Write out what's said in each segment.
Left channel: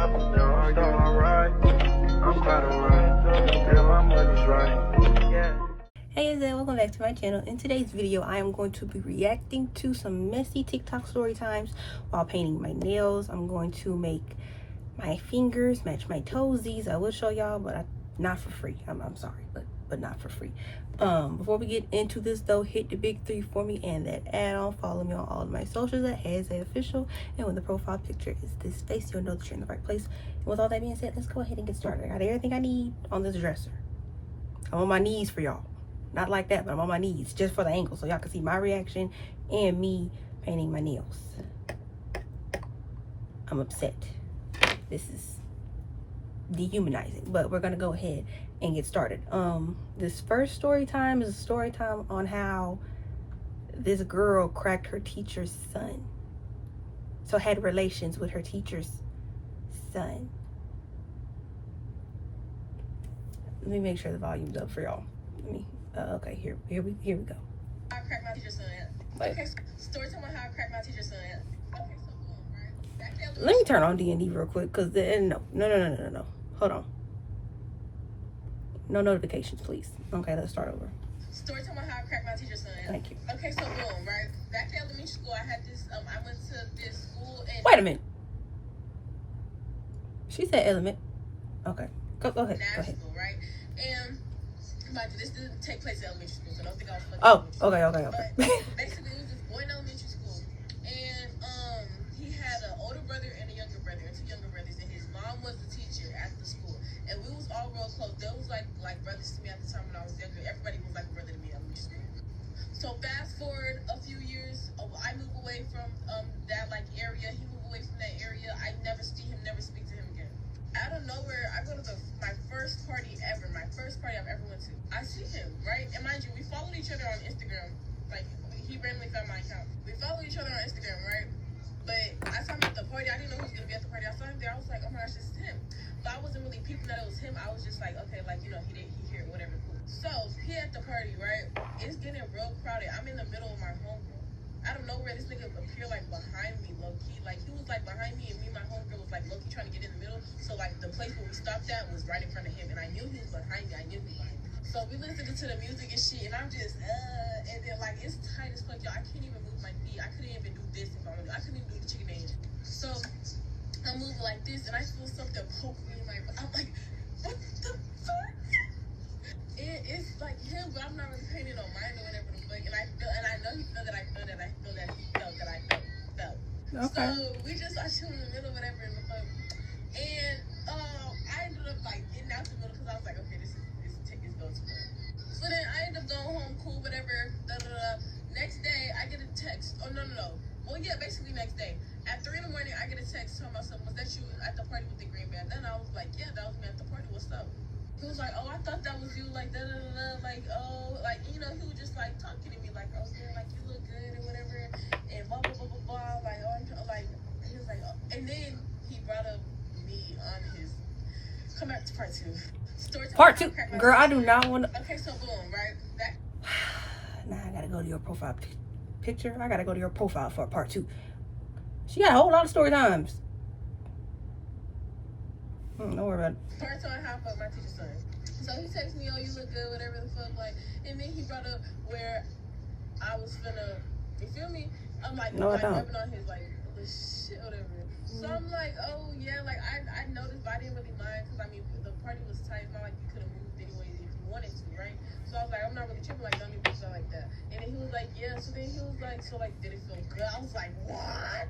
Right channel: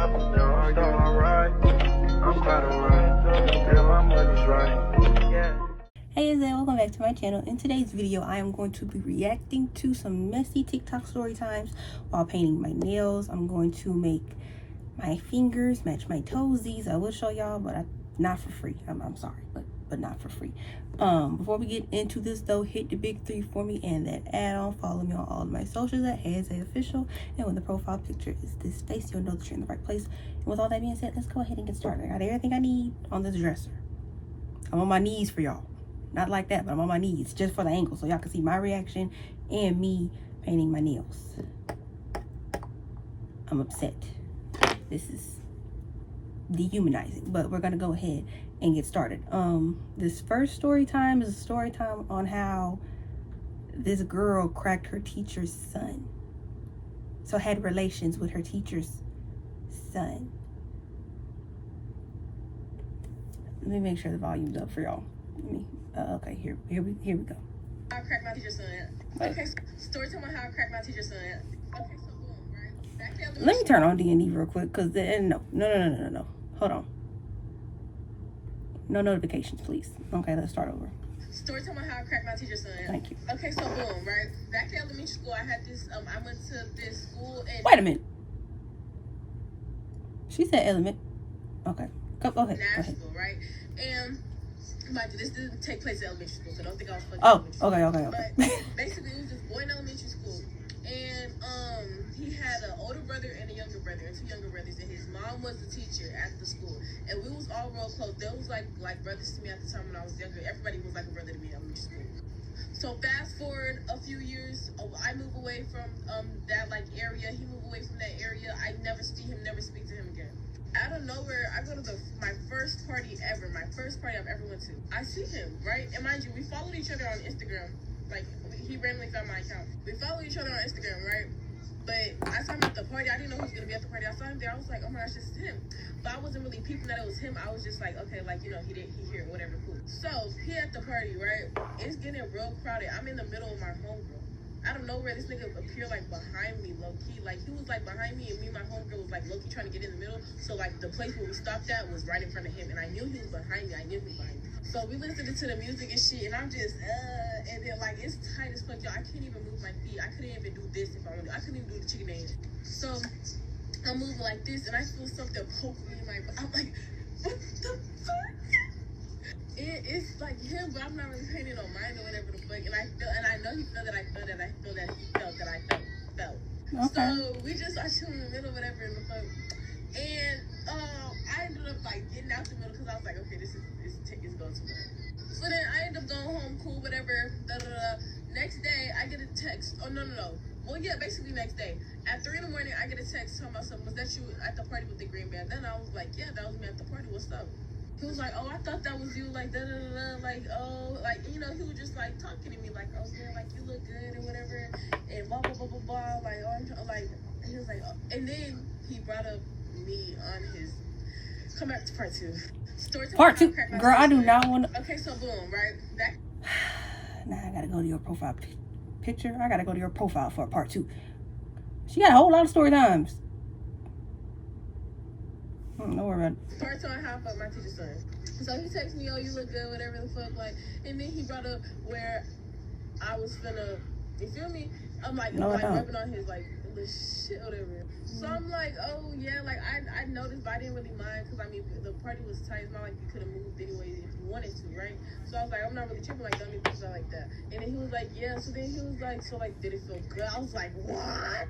Hey, it's Zay. Welcome back to my channel. In today's video, I am going to be reacting to some messy TikTok story times while painting my nails. I'm going to make my fingers match my toesies. I will show y'all, but not for free. I'm sorry, but not for free. Before we get into this though, hit the big 3 for me and that add-on. Follow me on all of my socials at HeyItsZae official. And when the profile picture is this face, you'll know that you're in the right place. And with all that being said, let's go ahead and get started. I got everything I need on this dresser. I'm on my knees for y'all. Not like that, but I'm on my knees just for the angle so y'all can see my reaction and me painting my nails. I'm upset. This is dehumanizing, but we're gonna go ahead and get started. This first story time is a story time on how this girl cracked her teacher's son. So had relations with her teacher's son. Let me make sure the volume's up for y'all. Let me okay, here we go. I cracked my teacher's son. Okay, story time on how I cracked my teacher's son. Okay, so boom, right? Let me turn on D&D real quick, cause no. Hold on. No notifications, please. Okay, let's start over. Story time on how I cracked my teacher's son. Thank you. Okay, so boom, right? Back in elementary school, I had this. I went to this school and. Wait a minute. She said element. Okay, go ahead. Go ahead. School, right? And mind you, this didn't take place in elementary school, so I don't think I was fucking. Oh, okay. But basically, it was this boy in elementary school, and he had an older brother and a younger brother, and 2 younger brothers, and his mom was the teacher at the school, and we was all real close. They was like brothers to me at the time when I was younger. Everybody was like a brother to me in elementary school. So fast forward a few years, I moved away from that area. He moved away from that area. I never see him, never speak to him again. Out of nowhere, I go to my first party ever, my first party I've ever went to. I see him, right? And mind you, we followed each other on Instagram. Like, he randomly found my account. We followed each other on Instagram, right? But I saw him at the party. I didn't know who was going to be at the party. I saw him there. I was like, oh my gosh, this is him. But I wasn't really peeping that it was him. I was just like, okay, he here, whatever, cool. So, he at the party, right? It's getting real crowded. I'm in the middle of my homegirl. Out of nowhere, this nigga appeared behind me, low key. He was behind me, and me and my homegirl was low key trying to get in the middle. So the place where we stopped at was right in front of him, and I knew he was behind me. So we listened to the music and shit, and I'm just and then it's tight as fuck, y'all. I can't even move my feet. I couldn't even do this if I wanted. I couldn't even do the chicken dance. So I'm moving like this, and I feel something poke me in my butt. I'm like, what the fuck? It's him, but I'm not really paying no mind or whatever the fuck. And I know he felt that I felt that he felt that I felt. Okay. So we just are chilling in the middle, whatever, in the phone. And I ended up getting out the middle because I was like, okay, this is going too much. So then I ended up going home, cool, whatever. Next day I get a text. Oh no. Well, yeah, basically next day at 3 in the morning I get a text talking about something. Was that you at the party with the green band? Then I was like, yeah, that was me at the party. What's up? He was like, oh, I thought that was you, he was just talking to me, oh yeah, you look good and whatever, and blah blah blah blah blah, he was like, oh. And then he brought up me on his. Come back to part 2. Part 2, girl. I do not want to. Okay, so boom, right? Now I gotta go to your profile picture. I gotta go to your profile for part 2. She got a whole lot of story times. Don't worry about it. Part 2 on how I fucked my teacher's son. So he texted me, oh, you look good, whatever the fuck, and then he brought up where I was finna, you feel me? I'm no, I don't. rubbing on his little shit, whatever. So I'm like, oh yeah, I noticed, but I didn't really mind because the party was tight. It's not like you could have moved anyway if you wanted to, right? So I was like, I'm not really tripping, don't do something like that. And then he was like, yeah. So then he was like, so did it feel good? I was like, what?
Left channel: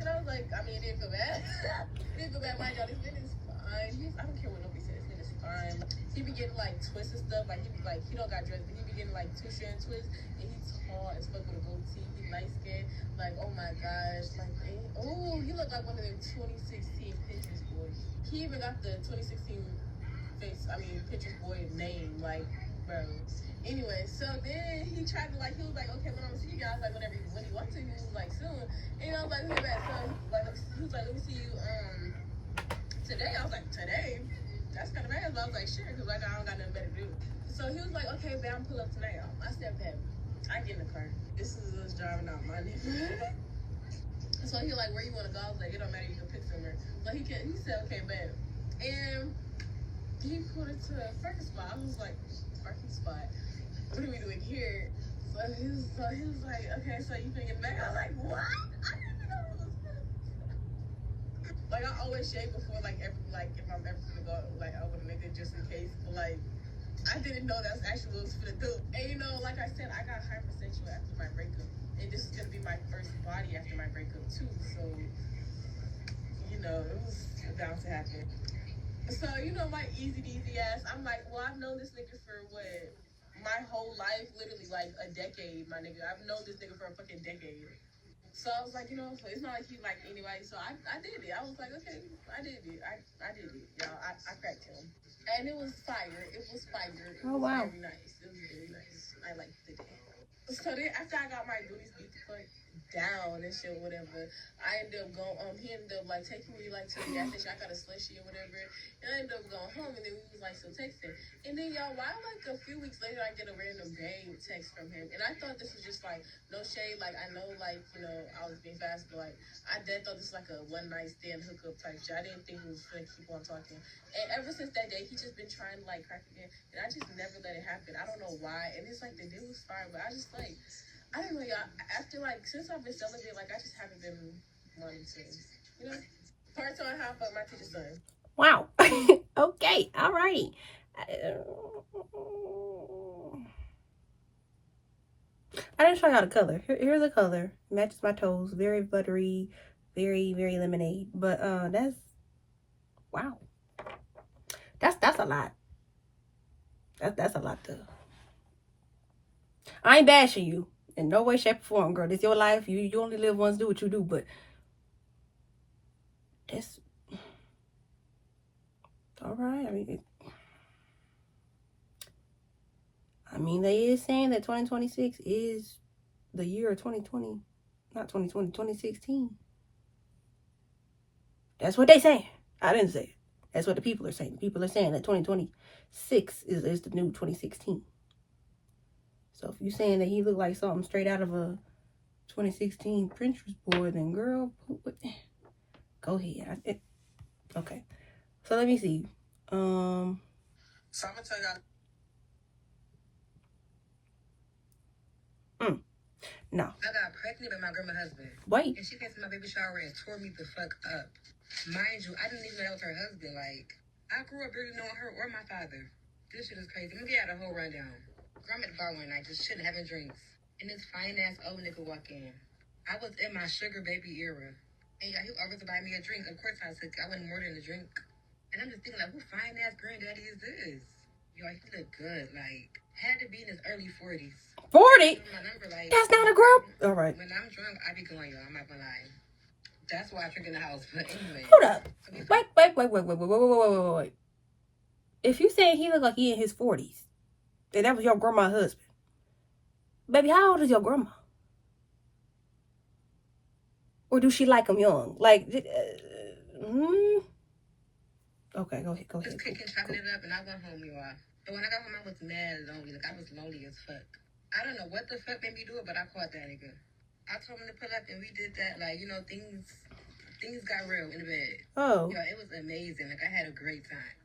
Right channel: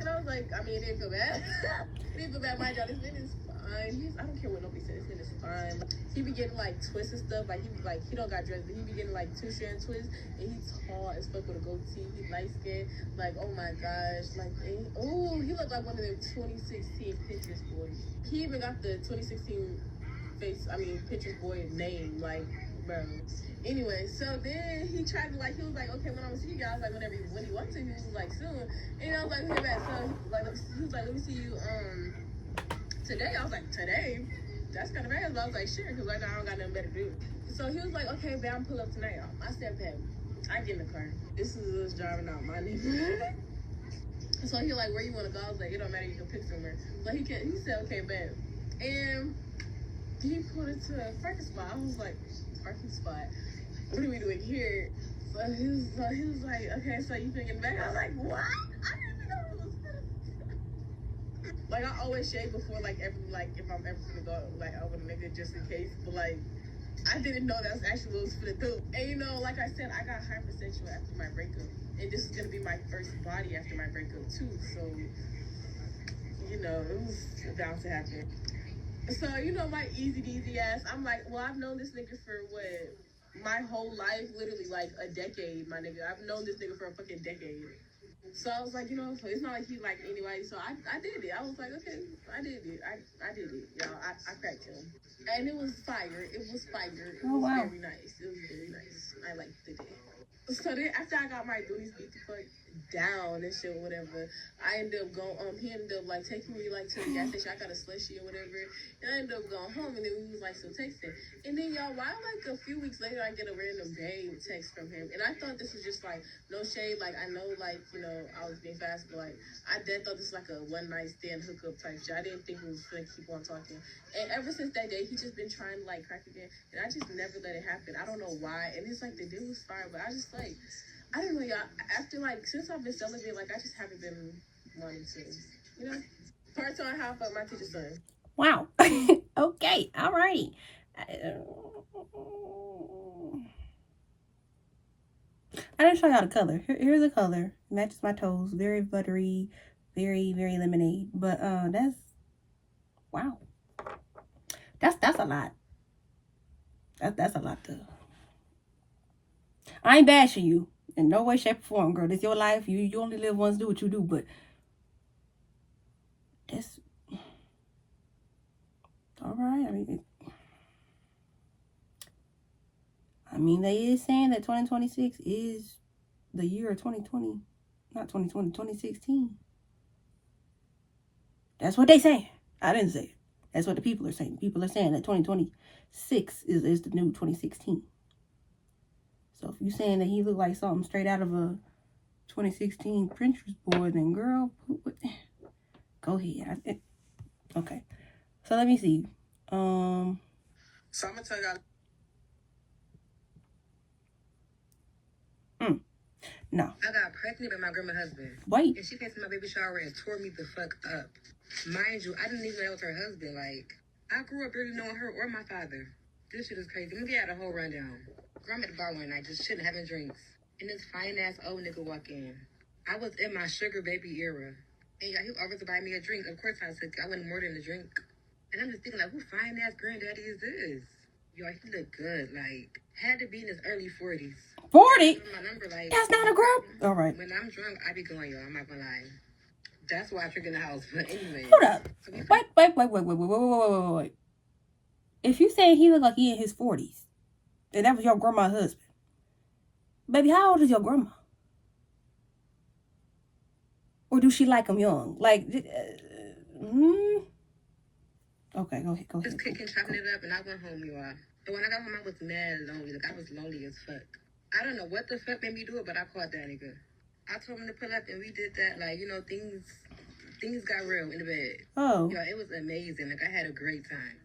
And I was like, it didn't feel bad. It didn't feel bad, mind y'all. This nigga's fine. I don't care what nobody says. This nigga's fine. He be getting twists and stuff. He don't got dressed, but he be getting 2-strand twists. And he's tall as fuck with a goatee. He's light skinned. Oh my gosh. He looked like one of the 2016 Pinterest boys. He even got the 2016 Pinterest boy name. Bro. Anyway, so then he tried to he was like, okay, when I'm gonna see you guys, when you want to, he was like, soon. And I was like, okay, back. So he was like, let me see you today. I was like, today? That's kind of bad. But I was like, sure, because right now I don't got nothing better to do. So he was like, okay, babe, I'm pull up tonight, y'all. I said, babe, I get in the car. This is us driving out my neighborhood. So he like, where you want to go? I was like, it don't matter, you can pick somewhere. So he said, okay, bet. And he pulled it to a parking spot. I was like, parking spot? What are we doing here? So he was like, okay, so you can get back. I was like, what? I didn't even know it was gonna. Like, I always shave before, like, if I'm ever gonna go, like, I would make it just in case. But, like, I didn't know that's actually what it was gonna do. And, you know, like I said, I got hypersexual after my breakup. And this is gonna be my first body after my breakup, too. So, you know, it was bound to happen. So, you know, my easy ass, I'm like, well, I've known this nigga for what? My whole life, literally like a decade, my nigga. I've known this nigga for a fucking decade. So I was like, you know, so it's not like he liked anybody. So I did it. I was like, okay, I did it. I did it. You know, I cracked him. And it was fire. It was fire. It was very nice. It was very nice. I liked the day. So then after I got my duties beat the fuck down and shit, whatever, I ended up going, he ended up like taking me like to the gas station. I got a slushie or whatever. And I ended up going home and then we was like still texting. And then y'all, why like a few weeks later I get a random babe text from him. And I thought this was just like, no shade, like I know like, you know, I was being fast, but like I did thought this was like a one night stand hookup type shit. I didn't think we was gonna keep on talking. And ever since that day, he just been trying to like crack again. And I just never let it happen. I don't know why. And it's like the dude was fine, but I just like, I don't know, y'all. After like, since I've been celibate, like I just haven't been wanting to, you know. Part time how I fuck my teacher's son. Wow. Okay. All right. I didn't show y'all the color. Here's the color. Matches my toes. Very buttery. Very, very lemonade. But that's, wow. That's a lot. That's a lot though. I ain't bashing you in no way, shape, or form, girl. This your life. You only live once. Do what you do. But that's all right. I mean, they is saying that 2026 is the year of 2020, not 2020, 2016. That's what they say. I didn't say it. That's what the people are saying. People are saying that 2026 is the new 2016. So if you're saying that he looked like something straight out of a 2016 Pinterest board, then girl, go ahead. Okay. So let me see. So I'm gonna tell y'all. No. I got pregnant by my grandma's husband. Wait. And she came to my baby shower and tore me the fuck up. Mind you, I didn't even know that was her husband. Like, I grew up really knowing her or my father. This shit is crazy. Let me get out a whole rundown. Grandma at the bar one night, just shit having drinks. And this fine ass old nigga walk in. I was in my sugar baby era. And yeah, he offered to buy me a drink. Of course I said I wanted more than a drink. And I'm just thinking like, who fine ass granddaddy is this? Yo, he look good. Like, had to be in his early 40s. 40? My number, like, that's not a girl. All right. When I'm drunk, I be going, yo. I'm not gonna lie. That's why I drink in the house. But anyway. Hold up. Wait. If you say he look like he in his 40s, and that was your grandma's husband, baby, how old is your grandma? Or do she like him young? Like, Okay, go ahead. Just kicking, chopping it up, and I went home, you all. But when I got home, I was mad lonely. Like, I was lonely as fuck. I don't know what the fuck made me do it, but I caught that nigga. I told him to pull up, and we did that. Like, you know, things got real in the bed. Oh. Yeah, it was amazing. Like, I had a great time.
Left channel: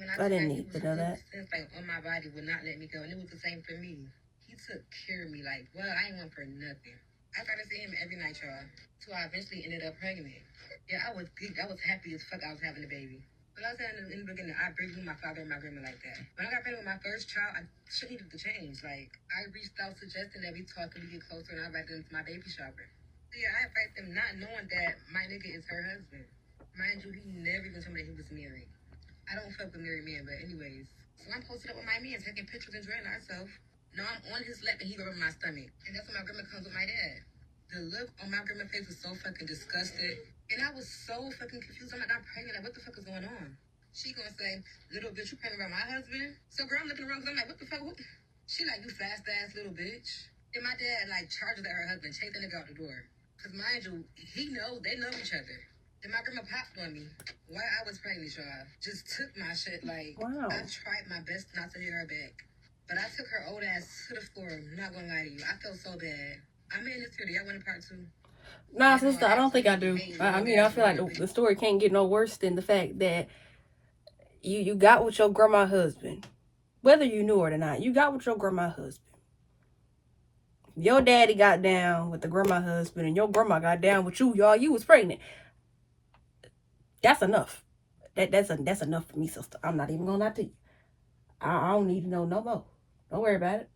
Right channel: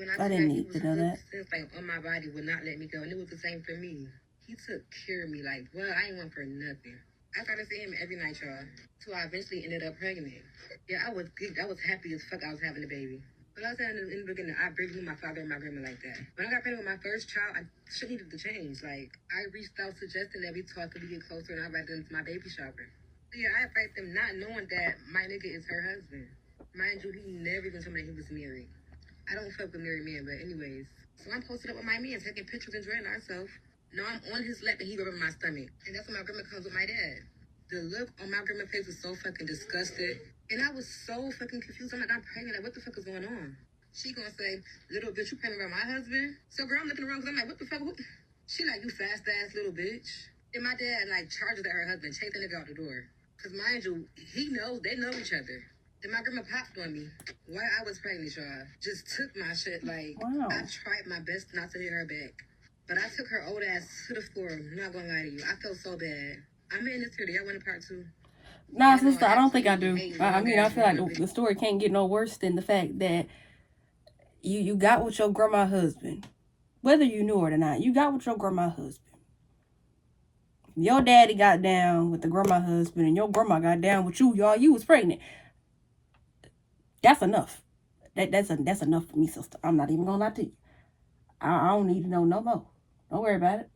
And I didn't need to know that. Since, like, on my body would not let me go, and it was the same for me. He took care of me. Like, well, I ain't want for nothing. I got to see him every night, y'all. So I eventually ended up pregnant. Yeah, I was good. I was happy as fuck I was having a baby. But like I said in the beginning, I barely knew my father and my grandma like that. When I got pregnant with my first child, shit needed to change. Like, I reached out suggesting that we talk and we get closer, and I invited them to my baby shower. Yeah, I invited them not knowing that my nigga is her husband. Mind you, he never even told me that he was married. I don't fuck with married men, but anyways. So I'm posted up with my man, taking pictures, enjoying ourselves. Now I'm on his lap and he rubbing my stomach. And that's when my grandma comes with my dad. The look on my grandma's face was so fucking disgusted. And I was so fucking confused. I'm like, I'm pregnant. Like, what the fuck is going on? She gonna say, little bitch, you pregnant around my husband? So, girl, I'm looking around because I'm like, what the fuck? She like, you fast-ass little bitch. And my dad, like, charges at her husband, chased the nigga out the door. Because, mind you, they know each other. Then my grandma popped on me while I was pregnant, y'all. Just took my shit. Like, wow. I tried my best not to hit her back. But I took her old ass to the floor. I'm not gonna lie to you. I felt so bad. I'm in this video. Y'all want a part 2? Nah, sister, I don't think I do. I mean, I feel like the story can't get no worse than the fact that you got with your grandma husband. Whether you knew it or not, you got with your grandma husband. Your daddy got down with the grandma husband, and your grandma got down with you. Y'all, you was pregnant. That's enough. That's enough for me, sister. I'm not even gonna lie to you. I don't need to know no more. Don't worry about it.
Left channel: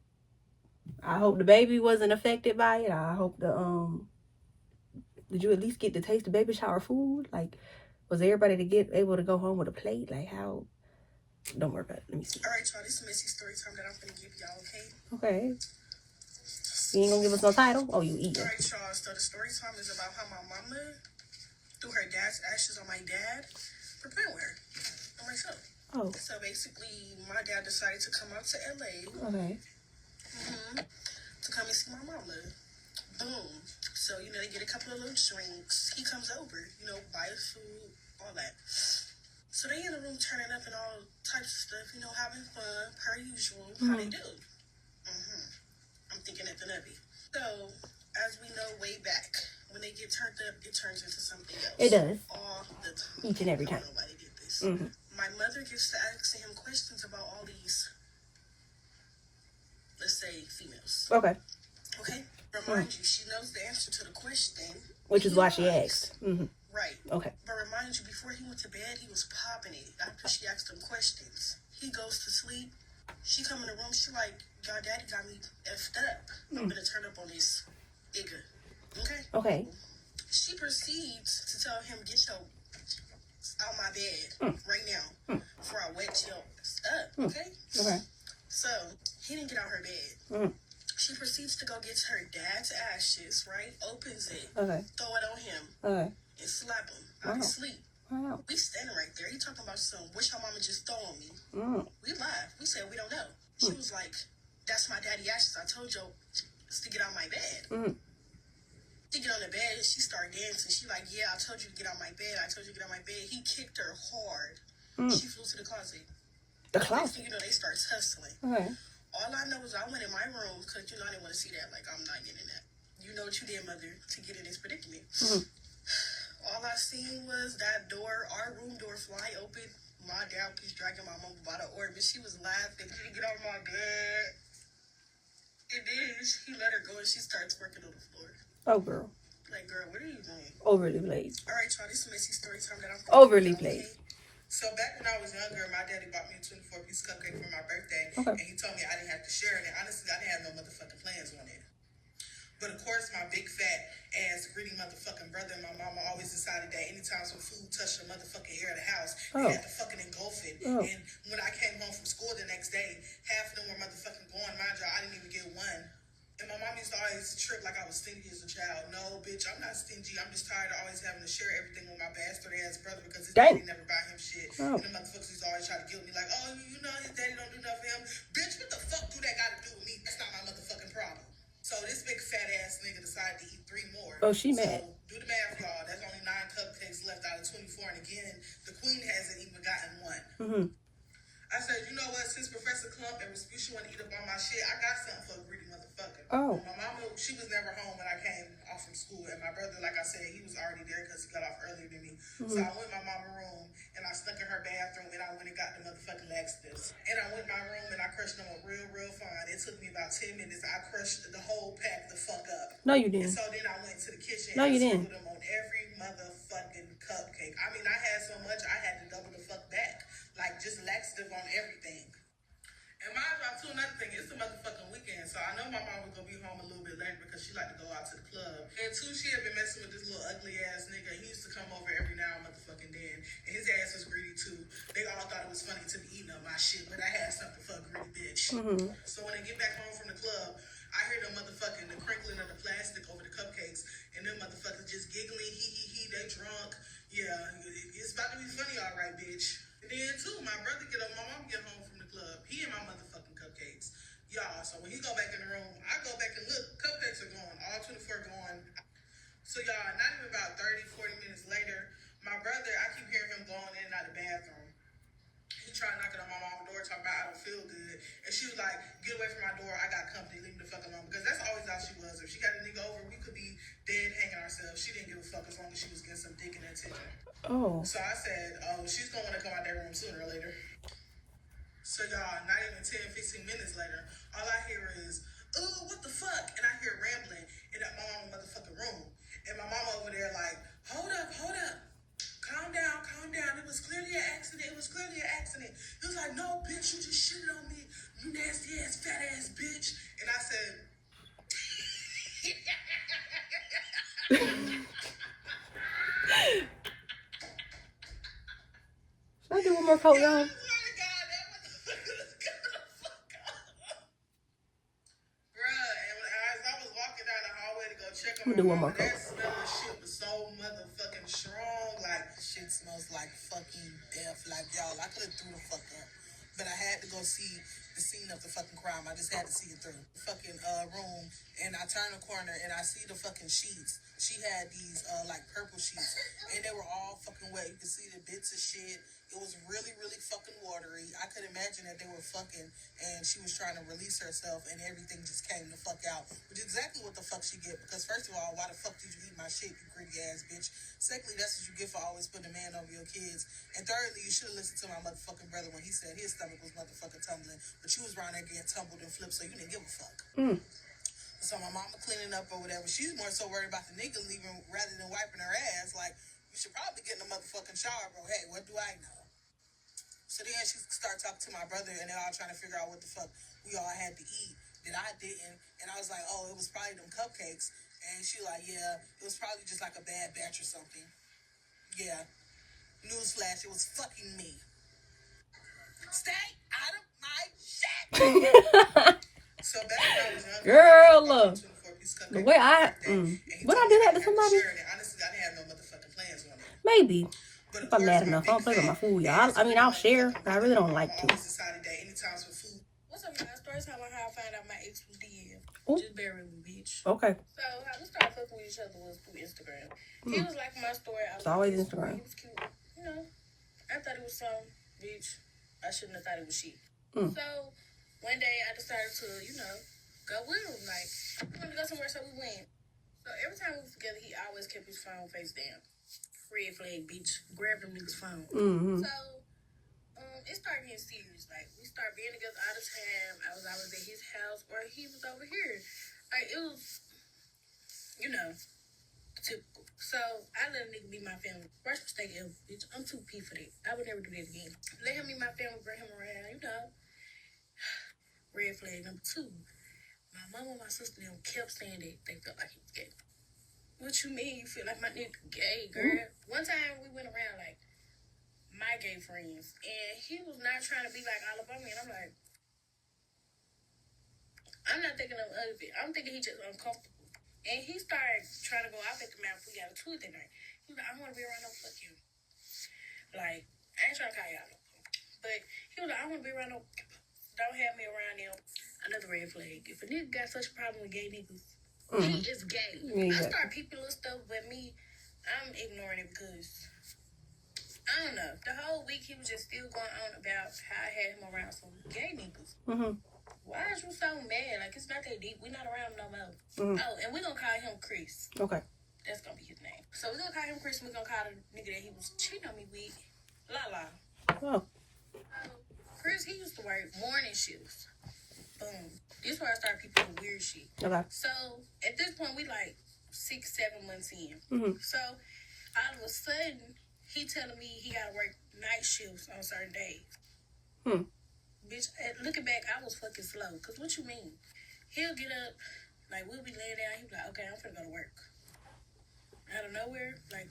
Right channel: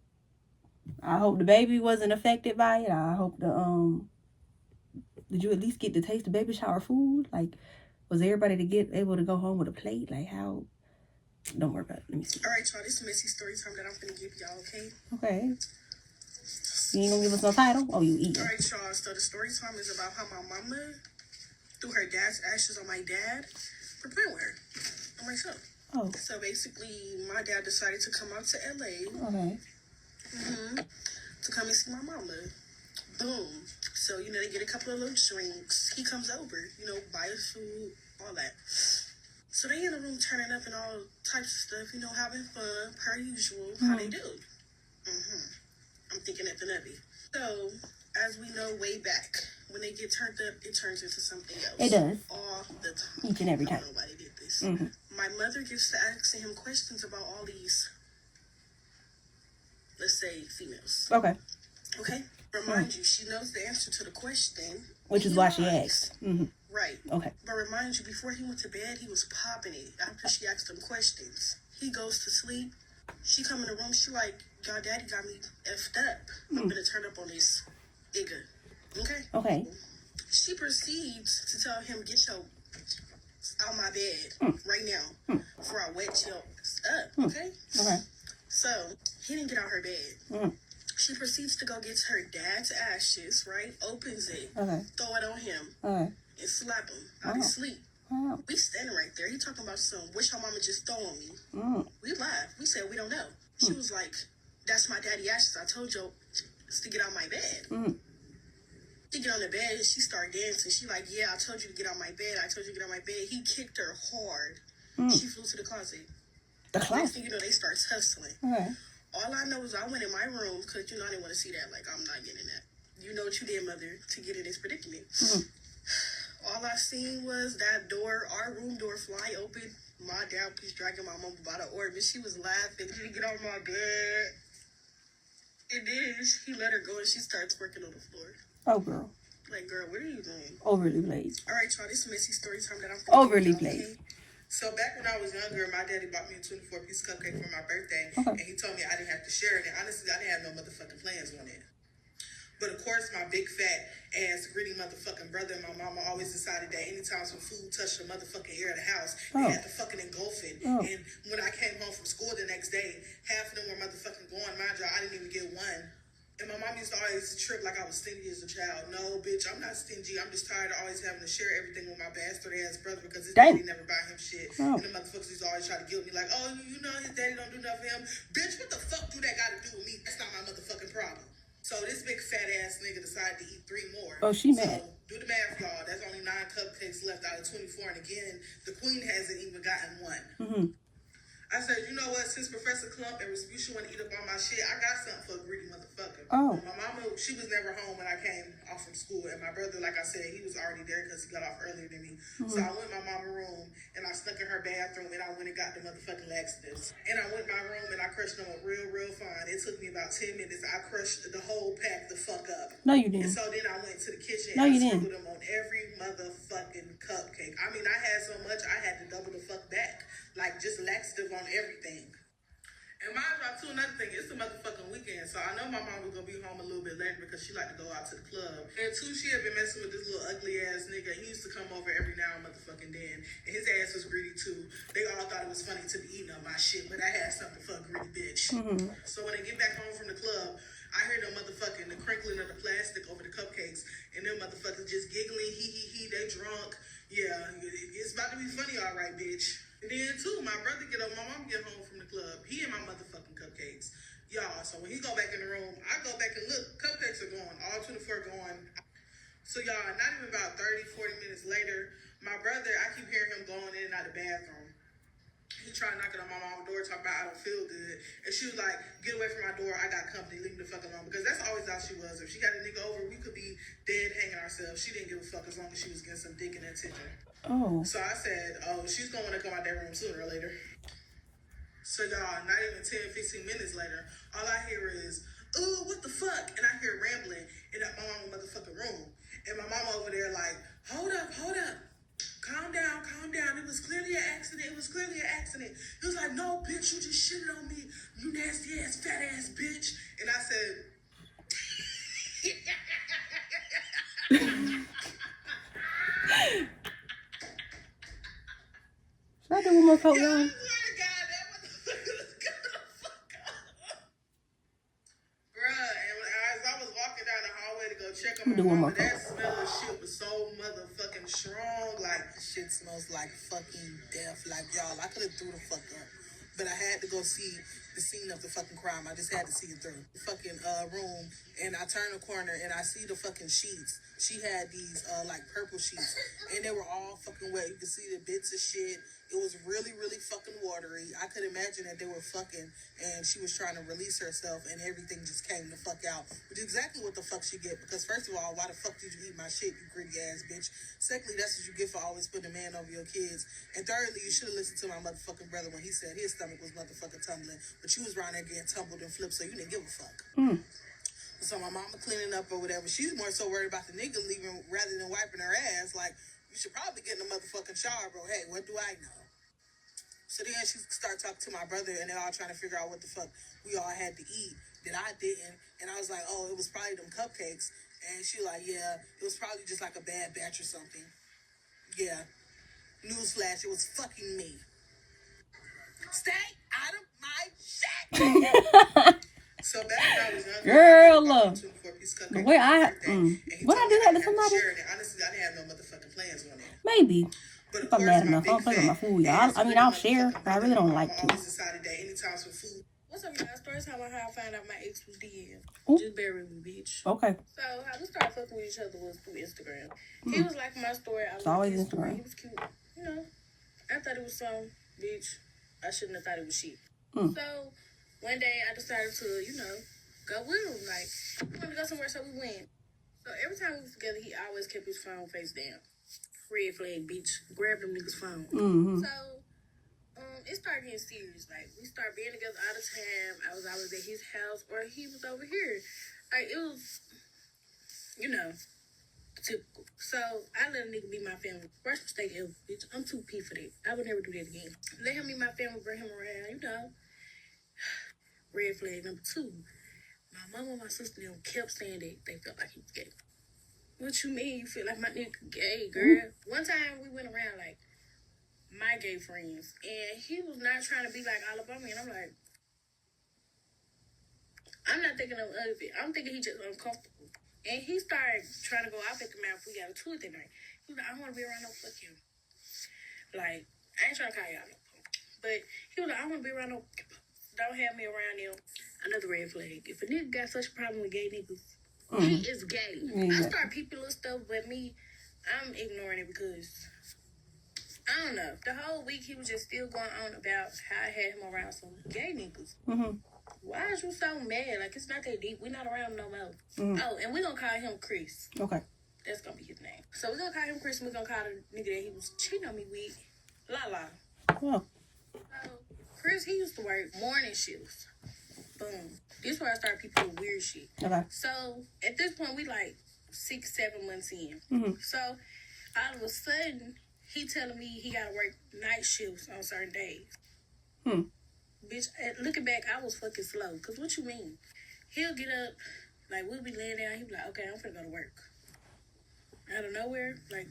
I hope the baby wasn't affected by it. I hope did you at least get to taste the baby shower food? Like, was everybody able to go home with a plate? Like, how? Don't worry about it. Let me see. All right, y'all. This is messy story time that I'm gonna give y'all. Okay. Okay. You ain't gonna give us no title? Oh, you eating? All right, y'all. So the story time is about how my mama threw her dad's ashes on my dad for playing with her and myself. Oh. So basically, my dad decided to come out to LA. Okay. To come and see my mama. Boom. So, they get a couple of little drinks. He comes over, buy us food, all that. So they in the room turning up and all types of stuff, having fun, per usual, how they do. I'm thinking at the nubby. So, as we know way back, when they get turned up, it turns into something else. It does. All the time. Each and every time. Nobody did this. My mother gets to asking him questions about all these, let's say, females. Okay. Okay? Remind you, she knows the answer to the question. Which is why she asked. Right. Okay. But remind you, before he went to bed, he was popping it after she asked him questions. He goes to sleep. She come in the room. She like, y'all daddy got me effed up. I'm going to turn up on this nigga. Okay? Okay. She proceeds to tell him, get your out my bed right now before I wet your up. Okay? Okay. So, he didn't get out her bed. She proceeds to go get her dad's ashes, right? Opens it. Okay. Throw it on him. Okay. And slap him out of sleep. Wow. We standing right there. He talking about some, wish your mama just throw on me. We laughed. We said, we don't know. She was like, that's my daddy ashes. I told you to get out my bed. He get on the bed and she started dancing. She like, yeah, I told you to get out my bed. I told you to get out my bed. He kicked her hard. She flew to the closet. The closet? They start tussling. Okay. All I know is I went in my room because, I didn't want to see that. Like, I'm not getting that. You know what you did, mother, to get in this predicament. All I seen was that door, our room door fly open. My dad was dragging my mom by the orbit. She was laughing. She didn't get on my bed. And then he let her go and she starts twerking on the floor. Oh, girl. Like, girl, what are you doing? Overly played. All right, y'all. This is messy story time that I'm overly played. So back when I was younger, my daddy bought me a 24-piece cupcake for my birthday. Okay. And he told me I didn't have to share it. And honestly, I didn't have no motherfucking plans on it. But of course, my big fat ass gritty motherfucking brother and my mama always decided that anytime some food touched the motherfucking air of the house, they had to fucking engulf it. And when I came home from school the next day, half of them were motherfucking gone. Mind you, I didn't even get one. And my mom used to always trip like I was stingy as a child. No, bitch, I'm not stingy. I'm just tired of always having to share everything with my bastard ass brother because his daddy never buy him shit. And the motherfuckers used to always try to guilt me like, oh, you know his daddy don't do nothing for him. Bitch, what the fuck do that got to do with me? That's not my motherfucking problem. So this big fat ass nigga decided to eat 3 more. Oh, she mad. So do the math, y'all. There's only 9 cupcakes left out of 24. And again, the queen hasn't even gotten one. I said, you know what? Since Professor Clump and Rasputia want to eat up all my shit, I got something for a greedy motherfucker. Oh. My mama, she was never home when I came off from school. And my brother, like I said, he was already there because he got off earlier than me. So I went in my mama's room and I snuck in her bathroom and I went and got the motherfucking laxatives. And I went in my room and I crushed them up real, real fine. It took me about 10 minutes. I crushed the whole pack the fuck up. No, you didn't. And so then I went to the kitchen and I sprinkled them on every motherfucking cupcake. I mean, I had so much, I had to double the fuck back. Like, just laxative on everything. And mind y'all, too, another thing, it's the motherfucking weekend, so I know my mom was gonna be home a little bit later because she like to go out to the club. And two, she had been messing with this little ugly ass nigga. He used to come over every now and motherfucking then, and his ass was greedy too. They all thought it was funny to be eating up my shit, but I had something for a greedy bitch. So when they get back home from the club, I hear the motherfucking the crinkling of the plastic over the cupcakes, and them motherfuckers just giggling, he, they drunk. Yeah, it's about to be funny, all right, bitch. And then, too, my brother my mom get home from the club. He and my motherfucking cupcakes. Y'all, so when he go back in the room, I go back and look, cupcakes are gone. All 24 gone. So, y'all, not even about 30, 40 minutes later, my brother, I keep hearing him going in and out of the bathroom. He tried knocking on my mom's door, talking about I don't feel good. And she was like, get away from my door. I got company. Leave me the fuck alone. Because that's always how she was. If she got a nigga over, we could be dead hanging ourselves. She because she was getting some dick and attention. Oh. So I said, oh, she's going to want to come out that room sooner or later. So y'all, not even 10, 15 minutes later, all I hear is, oh, what the fuck? And I hear rambling in my mama's motherfucking room. And my mama over there like, hold up. Calm down. It was clearly an accident. He was like, no, bitch, you just shitted on me. You nasty ass, fat ass bitch. And I said, Should I do one more coat, y'all? I'm gonna do one more coat. That smell of shit was so motherfucking strong. Like, shit smells like fucking death. Like, y'all, I could have threw the fuck up. But I had to go see the scene of the fucking crime. I just had to see it through. The fucking room. And I turn the corner and I see the fucking sheets. She had these like purple sheets. And they were all fucking wet. You could see the bits of shit. It was really, really fucking watery. I could imagine that they were fucking and she was trying to release herself and everything just came the fuck out. Which is exactly what the fuck she get. Because first of all, why the fuck did you eat my shit, you gritty ass bitch? Secondly, that's what you get for always putting a man over your kids. And thirdly, you should have listened to my motherfucking brother when he said his stomach was motherfucking tumbling. But you was around there getting tumbled and flipped, so you didn't give a fuck. So my mama cleaning up or whatever, she's more so worried about the nigga leaving rather than wiping her ass. Like, you should probably get in the motherfucking shower, bro. Hey, what do I know? So then she started talking to my brother, and they're all trying to figure out what the fuck we all had to eat that I didn't. And I was like, oh, it was probably them cupcakes. And she like, yeah, it was probably just like a bad batch or something. Yeah. Newsflash, it was fucking me. Stay out of my shit. So back when I was younger, Girl, the way would I do that to somebody? Honestly, I didn't have no motherfucking plans on it. Maybe. If I'm mad enough, I don't play with my food, y'all. I mean, I'll share, but I really don't like to. What's up, y'all? Story time on how I found out my ex was dead. Ooh. Just bear with me, bitch. Okay. So how we started fucking with each other was through Instagram. He was like my story. It's always Instagram. He was cute. You know, I thought it was some bitch. I shouldn't have thought it was shit. So one day I decided to, you know, go with him. Like, we wanted to go somewhere, so we went. So every time we was together, he always kept his phone face down. Red flag, bitch. Grab them niggas' phone. So, it started getting serious. Like, we started being together all the time. I was always at his house, or he was over here. Like, it was, you know, typical. So, I let a nigga be my family. Worst mistake ever, bitch. I'm too P for that. I would never do that again. Let him be my family, bring him around, you know. Red flag number 2. My mama and my sister them kept saying that they felt like he was gay. What you mean? You feel like my nigga gay, girl? One time we went around like my gay friends, and he was not trying to be like all about me, and I'm like, I'm not thinking of it. I'm thinking he just uncomfortable. And he started trying to go out at the mouth. We got a Tuesday night. He was like, I don't want to be around no fuck you. Like, I ain't trying to call y'all no, but he was like, I don't want to be around no. Don't have me around them. Another red flag. If a nigga got such a problem with gay niggas, he is gay. I start peeping little stuff, but me, I'm ignoring it because I don't know. The whole week he was just still going on about how I had him around some gay niggas. Why is you so mad? Like, it's not that deep. We're not around him no more. Oh, and we're gonna call him Chris. Okay. That's gonna be his name. So we're gonna call him Chris, and we're gonna call the nigga that he was cheating on me with Lala. Oh. So Chris, he used to work morning shifts. Boom. This is where I started people with weird shit. Okay. So at this point, we like 6-7 months in. So all of a sudden, he telling me he gotta work night shifts on certain days. Bitch, looking back, I was fucking slow. Cause what you mean? He'll get up, like we'll be laying down. He'll be like, okay, I'm finna go to work. Out of nowhere, like.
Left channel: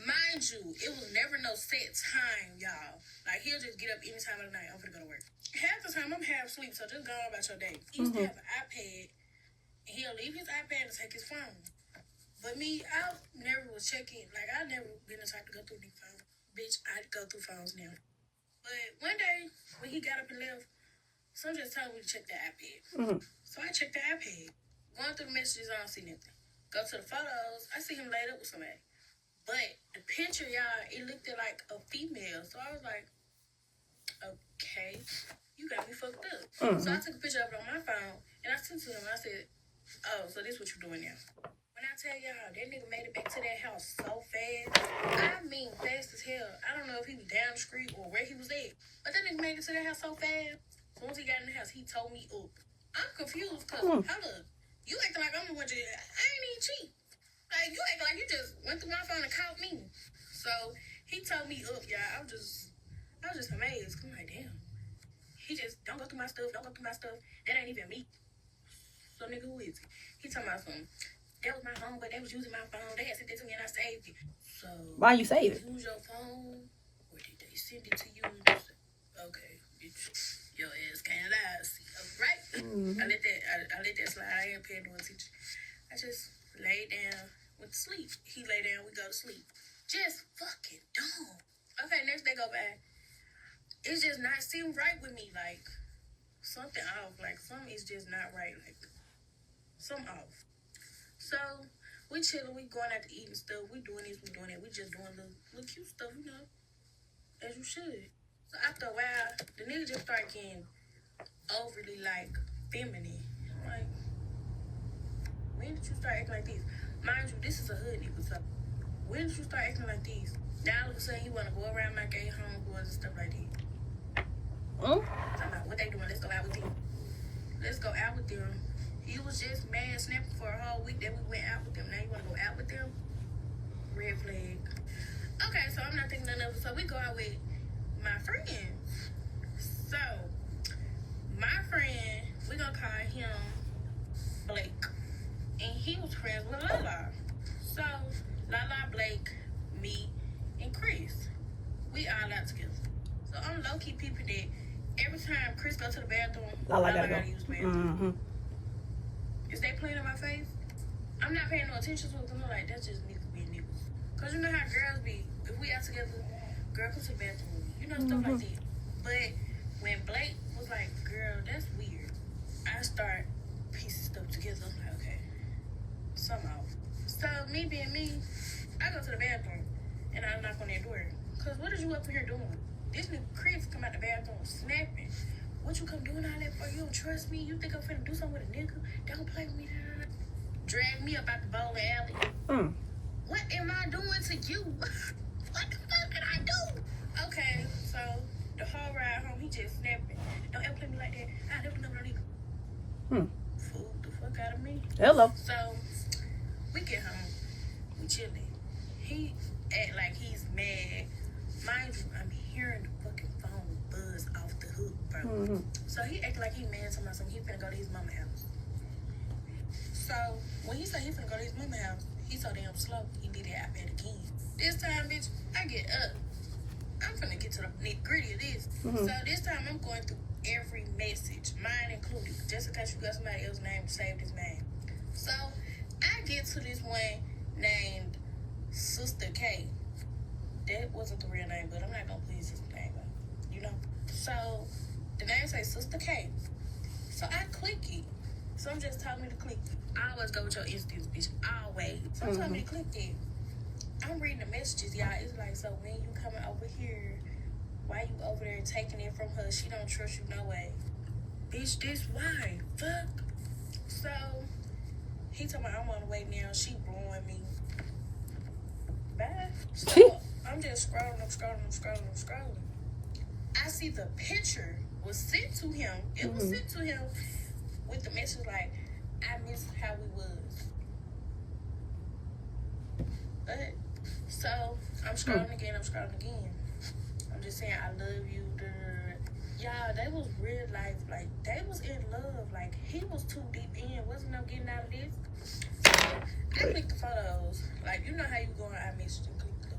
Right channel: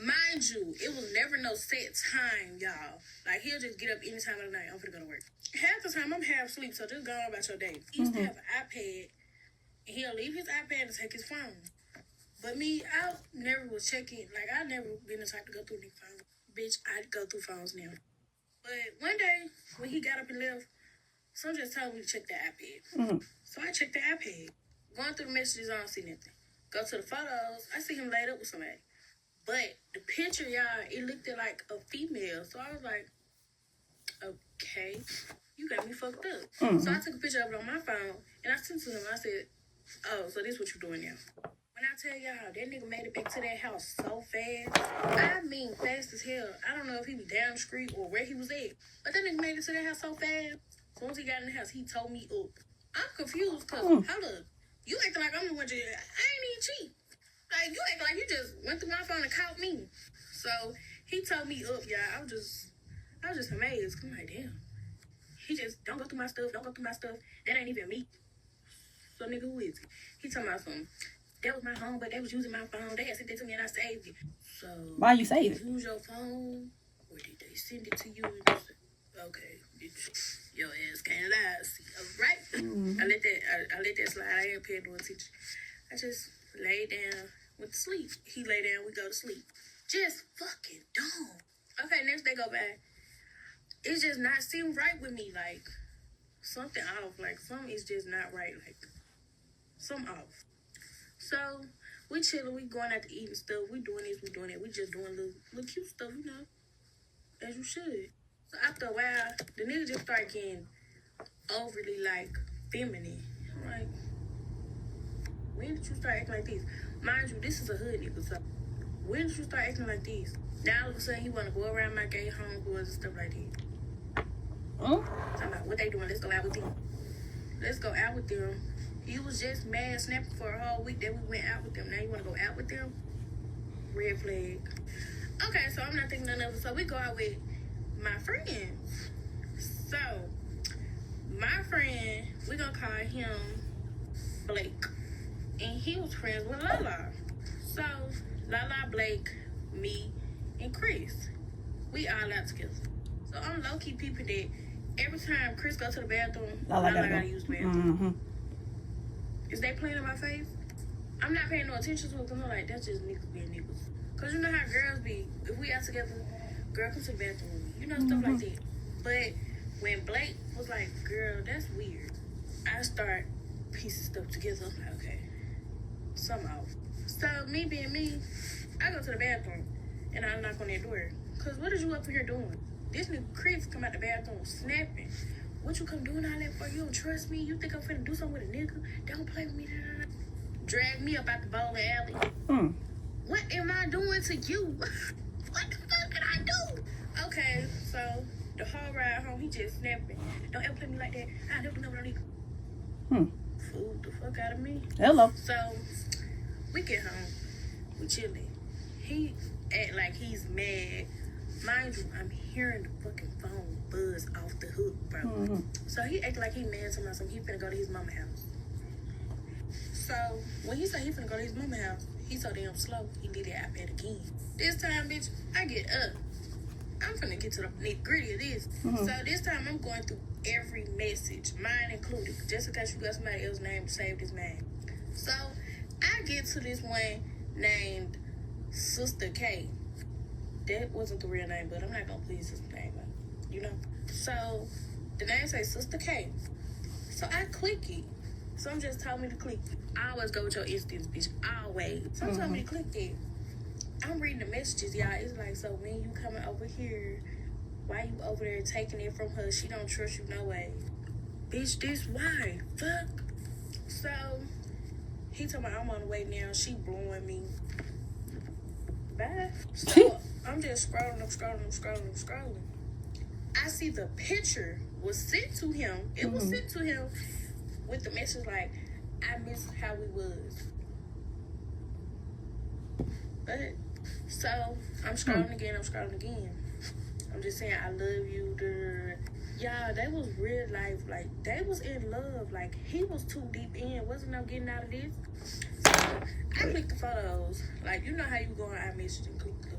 Mind you, it was never no set time, y'all. Like, he'll just get up any time of the night. I'm finna go to work. Half the time, I'm half asleep, so just go on about your day. He used to have an iPad, and he'll leave his iPad and take his phone. But me, I never was checking. Like, I never been the type to go through the phone. Bitch, I'd go through phones now. But one day, when he got up and left, someone just told me to check the iPad. So I checked the iPad. Going through the messages, I don't see nothing. Go to the photos, I see him laid up with somebody. But the picture, y'all, it looked like a female. So I was like, okay, you got me fucked up. So I took a picture of it on my phone, and I sent it to him. I said, oh, so this is what you're doing now. When I tell y'all, that nigga made it back to that house so fast. I mean, fast as hell. I don't know if he was down the street or where he was at. But that nigga made it to that house so fast. As soon as he got in the house, he told me up. I'm confused because, hold up. You acting like I'm the one I ain't even cheat. Like, you acting like you just went through my phone and caught me. So, he told me up, y'all. I was just amazed. I'm like, damn. He just, don't go through my stuff. Don't go through my stuff. That ain't even me. So, nigga, who is it? He talking about something. That was my home, but they was using my phone. They had sent it to me and I saved it. So, why you save it? Use your phone, or did they send it to you? And you say, okay, bitch, your ass can't lie. All right? I let that slide. I ain't paying no attention. I just laid down, went to sleep. He lay down, we go to sleep. Just fucking dumb. Okay, next day go by. It's just not seem right with me. Like, something off. Like, something is just not right. Like, something off. So, we chilling, we going out to eat and stuff. We doing this, we doing that. We just doing little cute stuff, you know, as you should. So, after a while, the nigga just started getting overly, like, feminine. Like, when did you start acting like this? Mind you, this is a hood nigga, so when did you start acting like this? Now, all of a sudden, he want to go around my gay homeboys and stuff like that. Talking about what they doing, let's go out with them. Let's go out with them. You was just mad snapping for a whole week that we went out with them. Now you want to go out with them? Red flag. Okay, so I'm not thinking none of it. So we go out with my friends. So, my friend, we're going to call him Blake. And he was friends with Lala. So, Lala, Blake, me, and Chris. We all out together. So, I'm low-key peeping that every time Chris go to the bathroom, Lala gotta go. Use the bathroom. Is they playing in my face? I'm not paying no attention to it because I'm like, that's just niggas being niggas. Because you know how girls be, if we out together, girl, come to the bathroom. You know, stuff like that. But when Blake was like, girl, that's weird, I start piecing stuff together. I'm like, okay, something off. So, me being me, I go to the bathroom and I knock on that door. Because what is you up in here doing? This nigga Chris come out the bathroom snapping. What you come doing all that for? You don't trust me? You think I'm finna do something with a nigga? Don't play with me. Drag me up out the bowling alley. What am I doing to you? What the fuck did I do? Okay, so the whole ride home, he just snapping. Don't ever play me like that. I never know what a nigga. Fooled the fuck out of me. Hello. So, we get home. We chilling. He act like he's mad. Mind you, I'm hearing the fucking phone buzz off the hook, bro. So he act like he mad to myself. He finna go to his mama house. So when he said he finna go to his mama house, he so damn slow. He did it iPad again. This time, bitch, I get up. I'm finna get to the nitty gritty of this. So this time I'm going through every message, mine included, just in case you got somebody else's name saved his name. So I get to this one named Sister K. That wasn't the real name, but I'm not gonna put his sister name up, you know? So, the name says Sister K. So, I click it. Some just told me to click it. I always go with your instincts, bitch. Always. Some told me to click it. I'm reading the messages, y'all. It's like, so when you coming over here, why you over there taking it from her? She don't trust you no way. Bitch, this why? Fuck. So, he told me I'm on the way now. She blowing me. Bye. So, I'm just scrolling. I see the picture was sent to him. It was sent to him with the message like, I miss how we was. But, so, I'm scrolling again. I'm just saying, I love you. Y'all, that was real life. Like, they was in love. Like, he was too deep in. Wasn't no getting out of this. So, I clicked the photos. Like, you know how you go on iMessage and click them.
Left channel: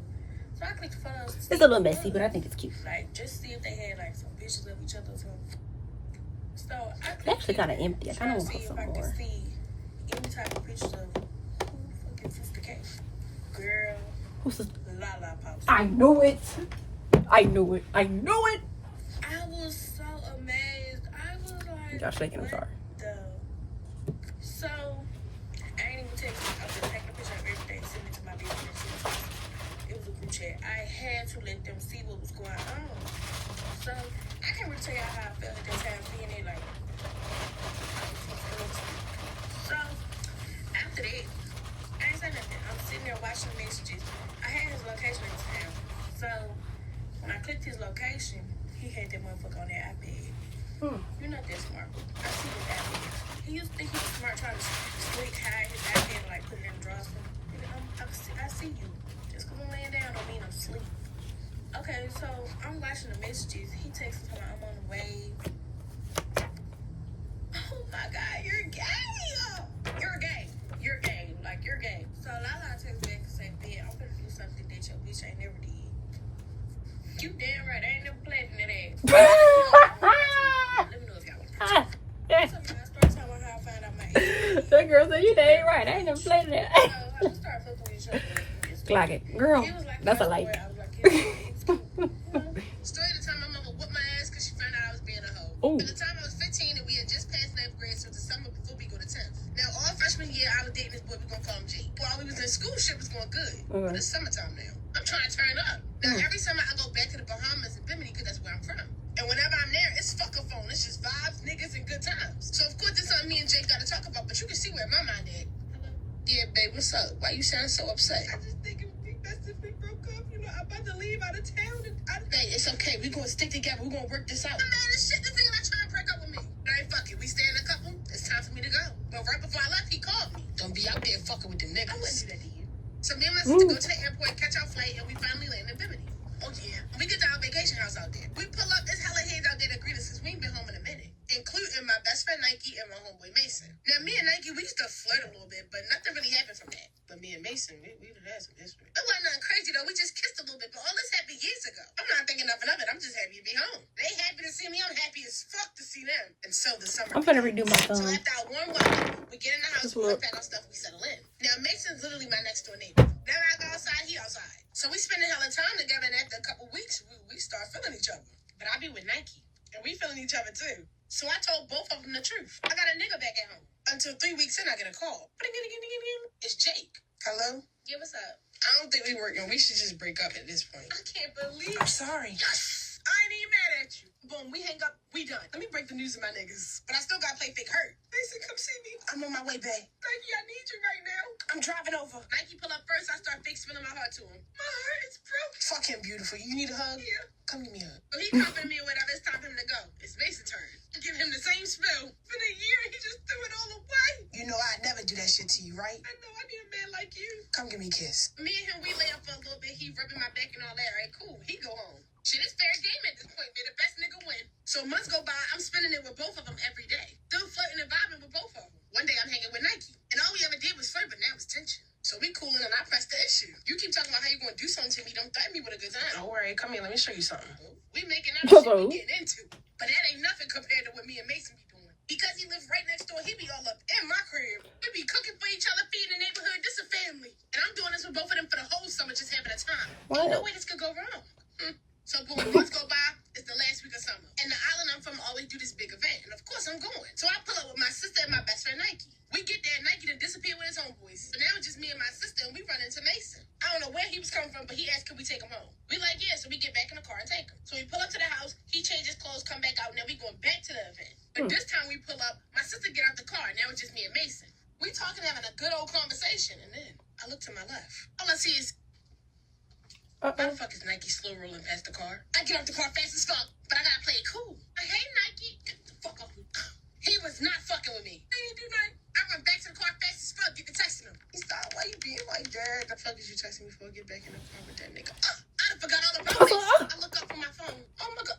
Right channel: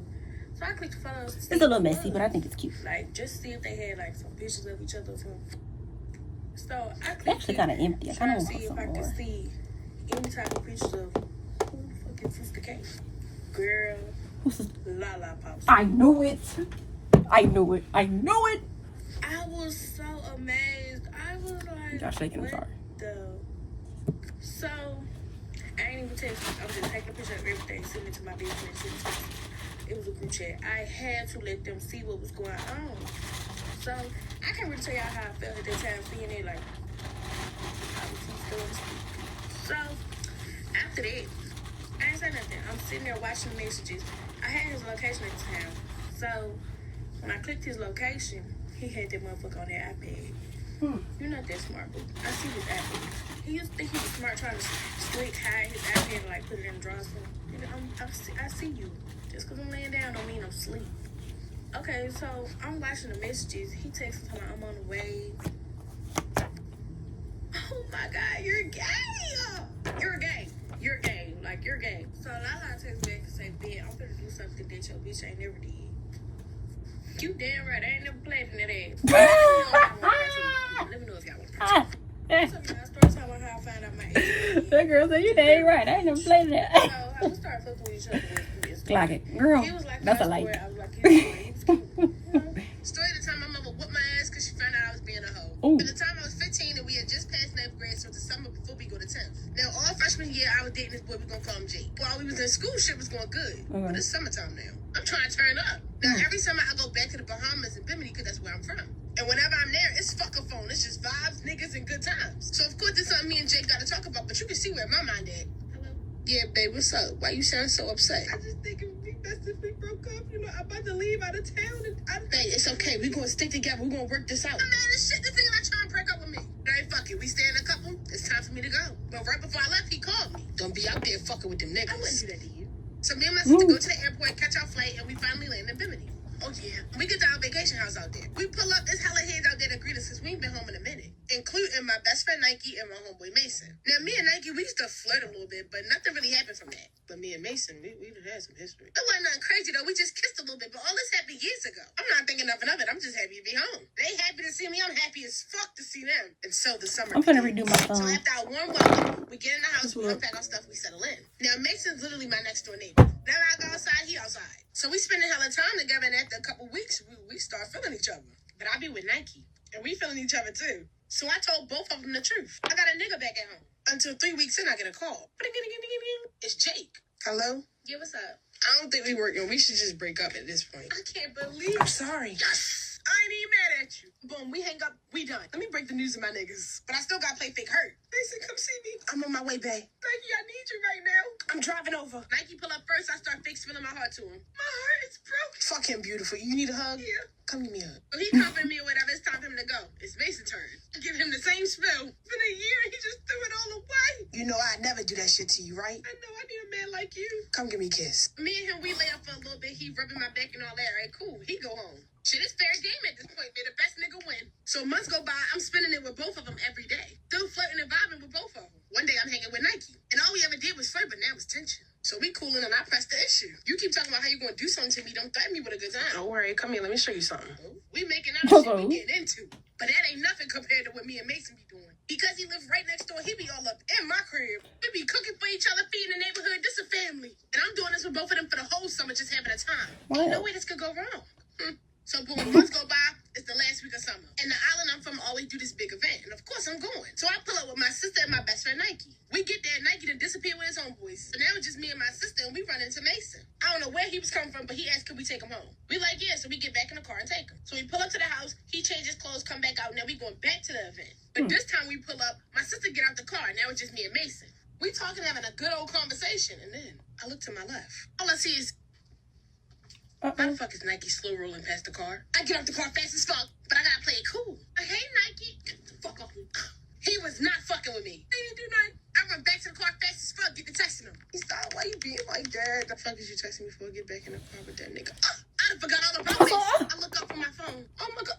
So I clicked the photos. It's a little messy, but I think it's cute. Like, just see if they had, like, some pictures of each other. So I clicked Actually kind of empty. I kind of want to put some more. I can see any type of pictures of who the fuck is Sister K? Girl. Who's this? Lala pops. I knew it. I was so amazed. I was like, y'all shaking, I'm sorry. So, I ain't even take, I'm just taking a picture of everything, sending it to my business. It was a group chat. I had to let them see what was going on. So, I can't really tell y'all how I felt at that time, being there, like, so, after that, sitting there watching messages. I had his location at the time. So when I clicked his location, he had that motherfucker on their iPad. You're not that smart, boo. I see your iPad. He used to think he was smart trying to sneak hide his iPad and like put it in the drawers. I see you. Just because I'm laying down don't mean I'm asleep. Okay, so I'm watching the messages. He texted me, I'm on the way. Oh my God, you're gay. You're gay. You're gay. Like, you're gay. So Lala texted me back and say, "Ben, I'm gonna do something that your bitch ain't never did." You damn right. I ain't never played in that ass. Let me know if y'all want to. I started talking about how I found out my age. That girl said, you ain't right. I ain't never played that. So I just started fucking with each other. Clock it. Girl, He was like, that's a light. I was like, he was cute. Story of the time my mother whooped my ass because she found out I was being a hoe. Ooh. At the time I was 15 and we had just passed 9th grade, so it was the summer before we go to 10th. Now all freshman year I was dating this boy, we gonna call him Jake. While we was in school, shit was going good. But it's summertime now. I'm trying to turn up. Now every summer I go back to the Bahamas and Bimini because that's where I'm from. And whenever I'm there, it's fuck a phone. It's just vibes, niggas, and good times. So of course this is something me and Jake gotta talk about, but you can see where my mind at. Hello? Yeah, babe, what's up? Why you sound so upset? I just think it would be best if we broke up. You know, I'm about to leave out of town and hey, it's okay. We're gonna stick together. We're gonna work this out. Man, this shit, this nigga not trying to break up with me. Hey, fuck it. We stay in a couple. It's time for me to go. But right before I left, he called me. Don't be out there fucking with them niggas. I wouldn't do that to you. So me and my sister go to the airport, catch our flight, and we finally land in Bimini. Oh yeah. We get to our vacation house out there. We pull up, there's hella heads out there to greet us since we ain't been home in a minute. Including my best friend Nike and my homeboy Mason. Now me and Nike, we used to flirt a little bit, but nothing really happened from that. But me and Mason, we had some history. It wasn't nothing crazy though. We just kissed a little bit, but all this happened years ago. I'm not thinking nothing of it. I'm just happy to be home. They happy to see me. I'm happy as fuck to see them. And so the summer. I'm finna redo my So phone. after our warm welcome, we get in the house, we unpack our stuff, we settle in. Now Mason's literally my next door neighbor. Then I go outside, he outside. So we spend a hell of time together, and after a couple weeks, we start feeling each other. But I be with Nike, and we feeling each other too. So I told both of them the truth. I got a nigga back at home. Until 3 weeks in, I get a call. It's Jake. Hello? Yeah, what's up? I don't think we working. We should just break up at this point. I can't believe. I'm sorry. Yes. I ain't even mad at you. Boom, we hang up. We done. Let me break the news to my niggas. But I still gotta play fake hurt. Mason, come see me. I'm on my way, babe. Nike, I need you right now. I'm driving over. Nike pull up first. I start fake spilling my heart to him. My heart is broken. Fuck him, beautiful. You need a hug? Yeah. Come give me a hug. So he comforted me or whatever. It's time for him to go. It's Mason's turn. I give him the same spill. Been a year and he just threw it all away. You know I'd never do that shit to you, right? I know. I need a man like you. Come give me a kiss. Me and him, we lay up for a little bit. He rubbing my back and all that. All right, cool. He go home. Shit, it's fair game at this point, man. The best nigga win. So months go by, I'm spending it with both of them every day. Still flirting and vibing with both of them. One day I'm hanging with Nike. And all we ever did was flirt, but now it's tension. So we cooling and I press the issue. You keep talking about how you gonna do something to me. Don't threaten me with a good time. Don't worry, come here, let me show you something. We making out shit we getting into. But that ain't nothing compared to what me and Mason be doing. Because he lives right next door, he be all up in my crib. We be cooking for each other, feeding the neighborhood. This a family. And I'm doing this with both of them for the whole summer, just having a time. Ain't no way this could go wrong. So boom, months go by, it's the last week of summer. And the island I'm from always do this big event. And of course I'm going. So I pull up with my sister and my best friend Nike. We get there, Nike done disappear with his homeboys. So now it's just me and my sister and we run into Mason. I don't know where he was coming from, but he asked could we take him home. We like, yeah, so we get back in the car and take him. So we pull up to the house, he changes clothes, come back out, and then we going back to the event. But this time we pull up, my sister get out the car, and now it's just me and Mason. We talking, having a good old conversation, and then I look to my left. All I see is why the fuck is Nike slow rolling past the car? I get out the car fast as fuck, but I gotta play it cool. Like, hey, Nike, get the fuck off me. He was not fucking with me. He didn't do nothing. I run back to the car fast as fuck, get to texting him. He stopped, why you being like that? The fuck is you texting me for? Get back in the car with that nigga. I done forgot all about this. I look up on my phone. Oh my God.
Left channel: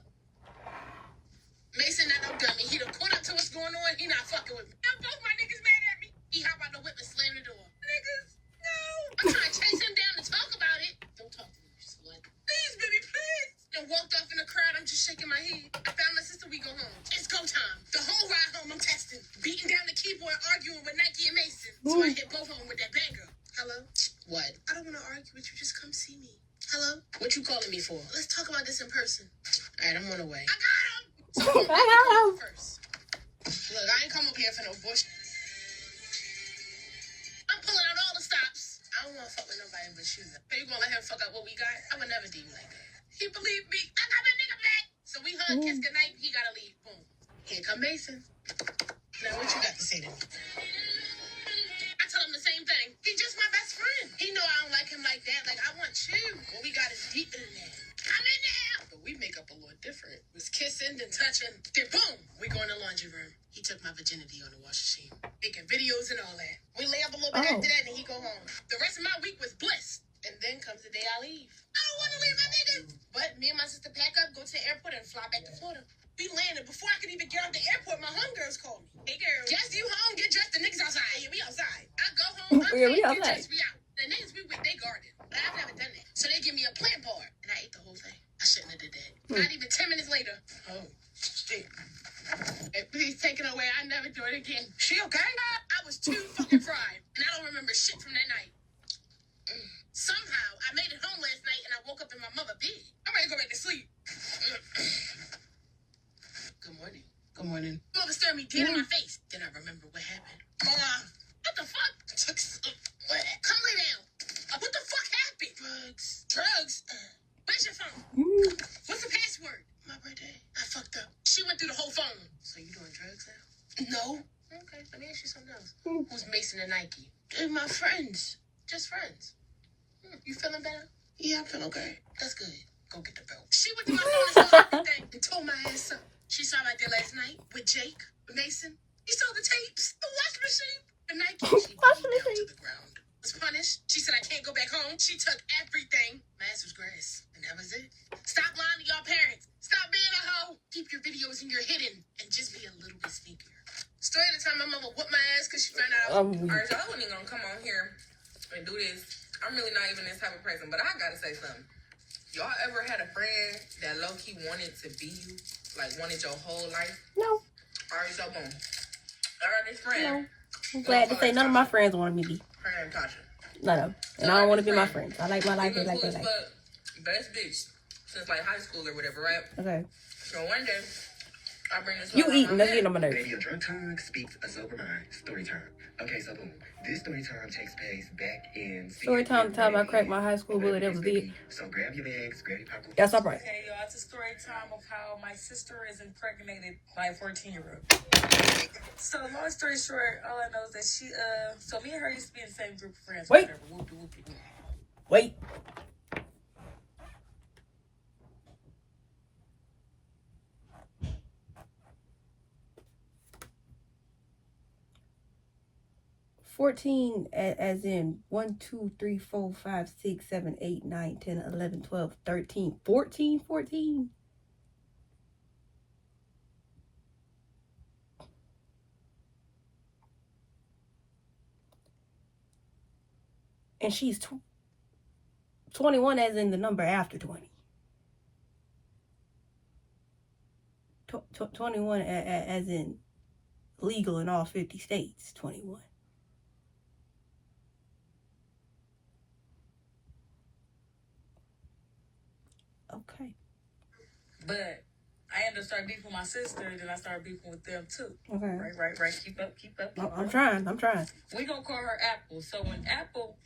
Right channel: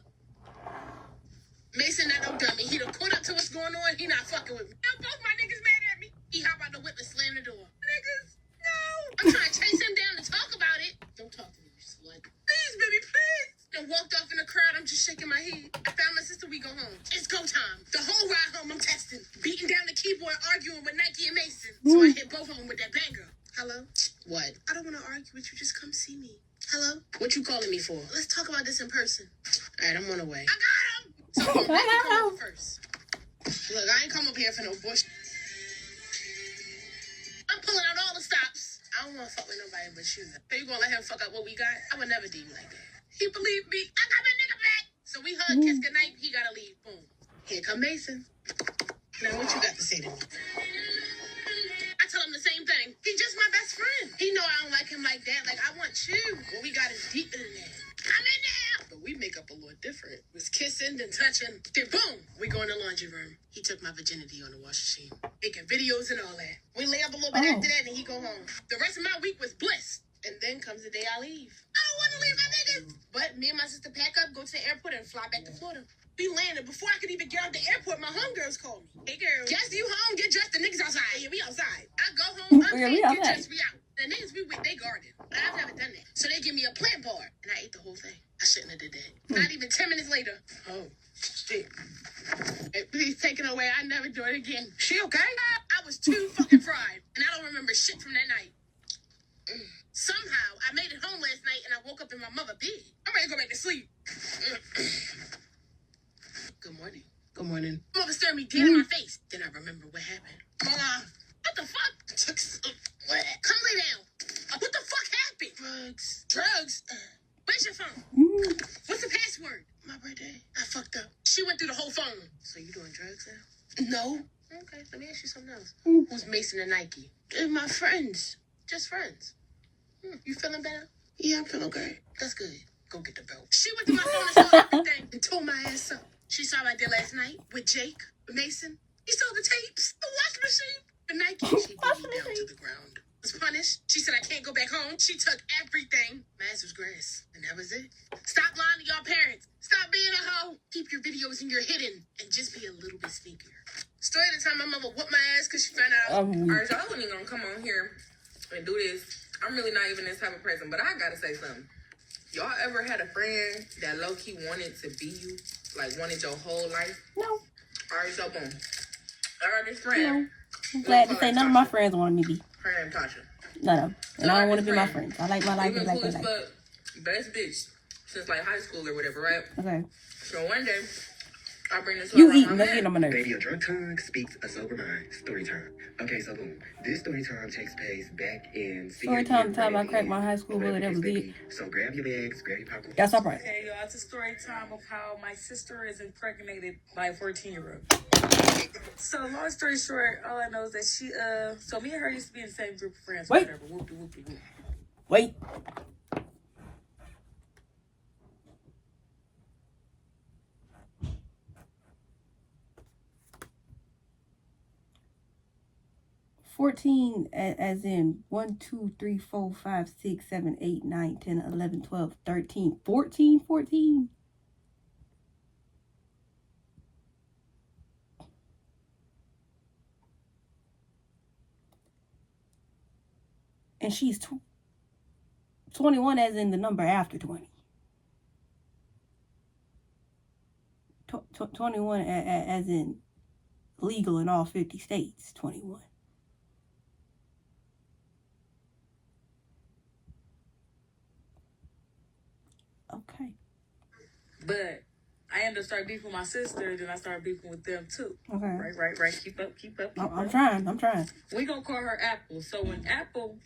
Mason, that don't dummy. He done caught up to what's going on. He not fucking with me. Now both my niggas mad at me. He hop out the whip and slam the door. Niggas, no. I'm trying to chase him down and talk about it. Don't talk to me. Please, baby, please. And walked off in the crowd. I'm just shaking my head. I found my sister. We go home. It's go time. The whole ride home, I'm texting, beating down the keyboard, arguing with Nike and Mason. So I hit both of them with that banger. Hello? What? I don't want to argue with you. Just come see me. Hello? What you calling me for? Let's talk about this in person. All right, I'm on the way. I got him. So I got him first. Look, I ain't come up here for no bullshit. I'm pulling out all the stops. I don't want to fuck with nobody but you. So you gonna let him fuck up what we got? I would never do you like that. He believed me. I got that nigga back. So we hug, kiss goodnight. He gotta leave. Boom. Here come Mason. Now what you got to say to me? I tell him the same thing. He's just my best friend. He know I don't like him like that. Like, I want you. Well, we got it deeper than that. I'm in there. But we make up a little different. It was kissing, then touching. Then boom, we go in the laundry room. He took my virginity on the wash machine. Making videos and all that. We lay up a little bit after that, and he go home. The rest of my week was bliss. And then comes the day I leave. I don't want to leave my niggas. But me and my sister pack up, go to the airport, and fly back to Florida. We landed. Before I could even get out the airport, my homegirls called me. Hey, girl. Guess you home? Get dressed. The niggas outside. Yeah, we outside. I go home. Yeah, we outside. Get dressed, we out. The niggas we with, they guarded. But I've never done that. So they give me a plant bar. And I ate the whole thing. I shouldn't have did that. Not even 10 minutes later. Oh, shit. Hey, please take it away. I never do it again. She okay? I was too fucking fried. And I don't remember shit from that night. Somehow, I made it home last night and I woke up in my mother's bed. I'm ready to go back to sleep. Good morning. Good morning. Mother stared me dead in my face. Then I remember what happened. Mama, what the fuck? Come lay down. What the fuck happened? Drugs. Drugs? Where's your phone? What's the password? My birthday. I fucked up. She went through the whole phone. So you doing drugs now? No. Okay, let me ask you something else. Who's Mason and Nike? They're my friends. Just friends. You feeling better? Yeah, I'm feeling okay. That's good. Go get the belt. She went to my phone and saw everything and tore my ass up. She saw what I did last night with Jake, with Mason. He saw the tapes, the washing machine, the Nike. She beat me down to the ground. Was punished. She said I can't go back home. She took everything. My ass was grass, and that was it. Stop lying to y'all parents. Stop being a hoe. Keep your videos in your hidden, and just be a little bit sneakier. Story of the time my mother whooped my ass because she found out. All right, so I wasn't even gonna come on here and do this. I'm really not even this type of person, but I gotta say something. Y'all ever had a friend that low-key wanted to be you? Like, wanted your whole life? No. All right, so boom. I got this friend. No. I'm glad to say none of my friends want me to be. Her name Tasha. None of them. And I don't want to be my friends. I like my life. They like their life. Best bitch since like high school or whatever, right? Okay. So one day, I bring this. You eating? That's getting on my nerves. Radio drunk tongue speaks a sober mind. Story time. Okay, so boom. This story time takes place back in. Story time, the time I cracked my high school bullet. That was it. So grab your bags, grab your popcorn. Y'all stop right. Okay, y'all, it's a story time of how my sister is impregnated by a 14-year-old. So long story short, all I know is that she so me and her used to be in the same group of friends. Wait. Whatever. Whoop. Wait. $14 as in 1, 2, 3, 4, 5, 6, 7, 8, 9, 10, 11, 12, 13, 14, 14. And she's 21 as in the number after 20. 21 as in legal in all 50 states. 21. Okay. But I ended up starting beefing with my sister, then I started beefing with them too. Okay. Right. Keep up. I'm trying. We gonna call her Apple. So when Apple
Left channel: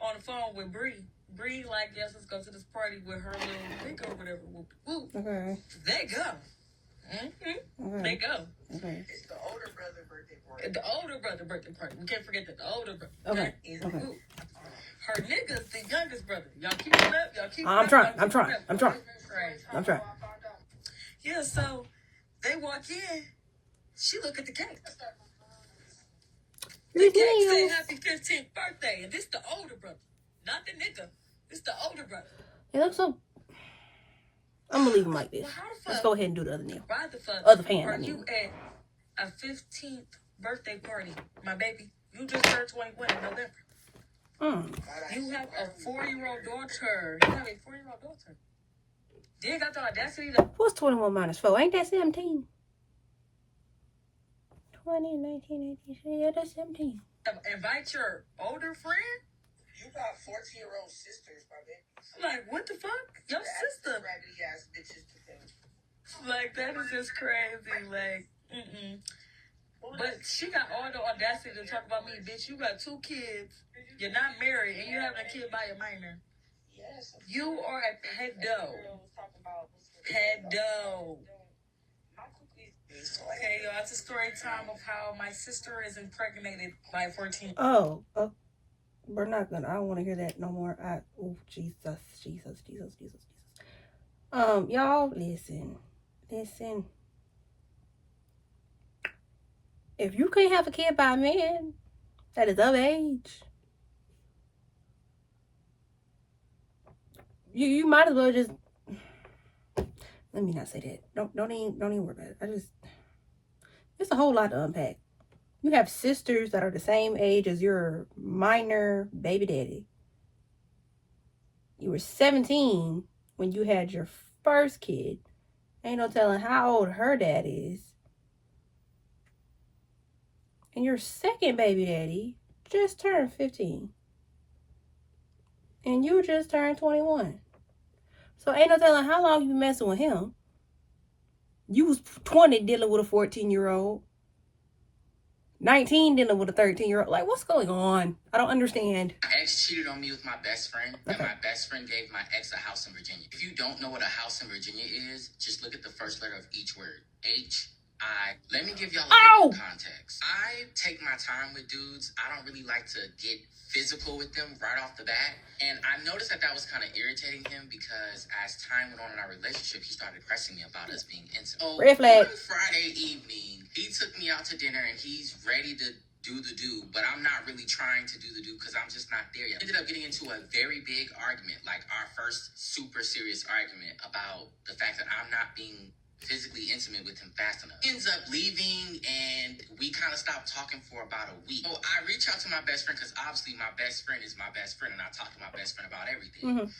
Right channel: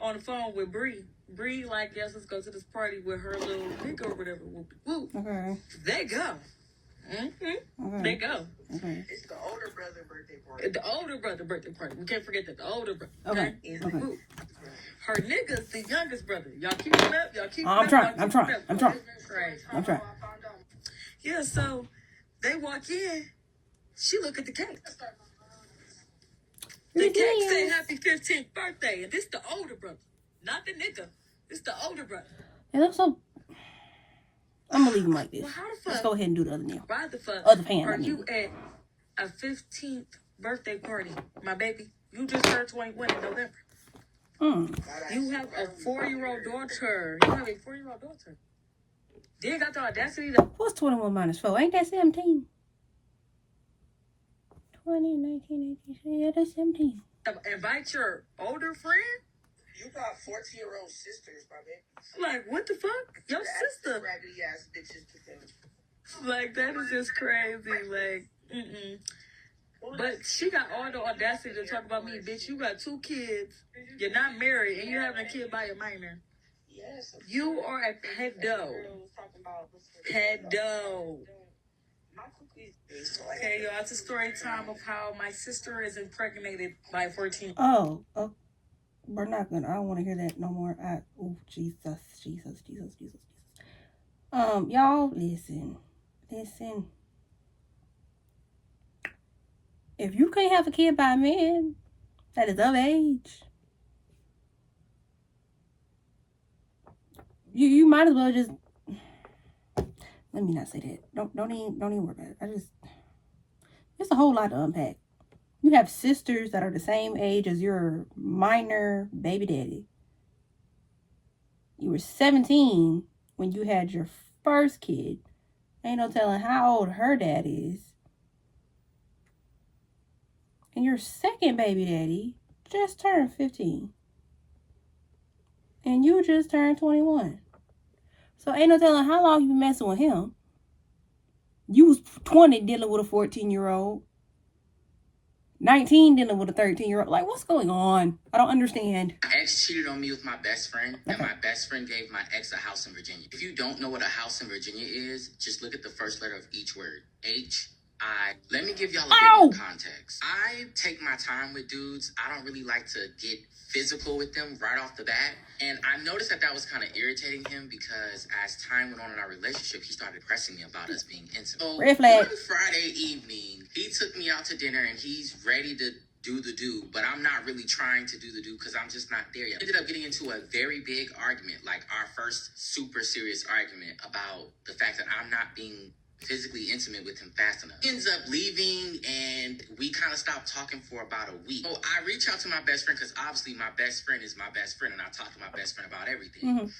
on the phone with Bree like, yes, let's go to this party with her little nigga or whatever. Whoop. Okay. They go. Mm-hmm. Okay. They go. Okay. It's the older brother birthday party. The older brother birthday party. We can't forget that the older brother is the Okay. group. Her nigga's the youngest brother. Y'all keep it up. I'm trying. Right. Yeah, so they walk in. She look at the cake. The cake said happy 15th birthday. And this the older brother. Not the nigga. This the older brother. It looks so. I'm gonna leave them like this. Well, how the fuck? Let's go ahead and do the other nail. Why the fuck Other pan, are I mean. you at a 15th birthday party, my baby? You just turned 21 in November. You have a 4-year-old daughter. Then got the audacity to... What's 21 minus 4? Ain't that 17? 20, 19, 18, yeah, that's 17. invite your older friend? You got 14-year-old sisters, my baby. Like, what the fuck? Your sister. Raggedy ass bitches to them. Like, that is just crazy. Like, But she got all the audacity to talk about me, bitch. You got 2 kids. You're not married, and you're having a kid by a minor. Yes. You are a pedo. Pedo. Okay, y'all, it's a story time of how my sister is impregnated by 14. Oh, We're not gonna. I don't want to hear that no more. Oh, Jesus. Y'all, listen. If you can't have a kid by a man that is of age, you might as well just. Let me not say that. Don't even worry about it. It's a whole lot to unpack. You have sisters that are the same age as your minor baby daddy. You were 17 when you had your first kid. Ain't no telling how old her dad is. And your second baby daddy just turned 15. And you just turned 21. So ain't no telling how long you been messing with him. You was 20 dealing with a 14-year-old. 19 dealing with a 13-year-old. Like, what's going on? I don't understand. My ex cheated on me with my best friend, and my best friend gave my ex a house in Virginia. If you don't know what a house in Virginia is, just look at the first letter of each word. H-I. Let me give y'all a bit more context. I take my time with dudes. I don't really like to get physical with them right off the bat. And I noticed that was kind of irritating him because as time went on in our relationship, he started pressing me about us being intimate. So red flag. one Friday evening, he took me out to dinner and he's ready to do the do, but I'm not really trying to do the do because I'm just not there yet. We ended up getting into a very big argument, like our first super serious argument about the fact that I'm not being physically intimate with him fast enough. He ends up leaving and we kind of stopped talking for about a week. So I reach out to my best friend because obviously my best friend is my best friend and I talk to my best friend about everything.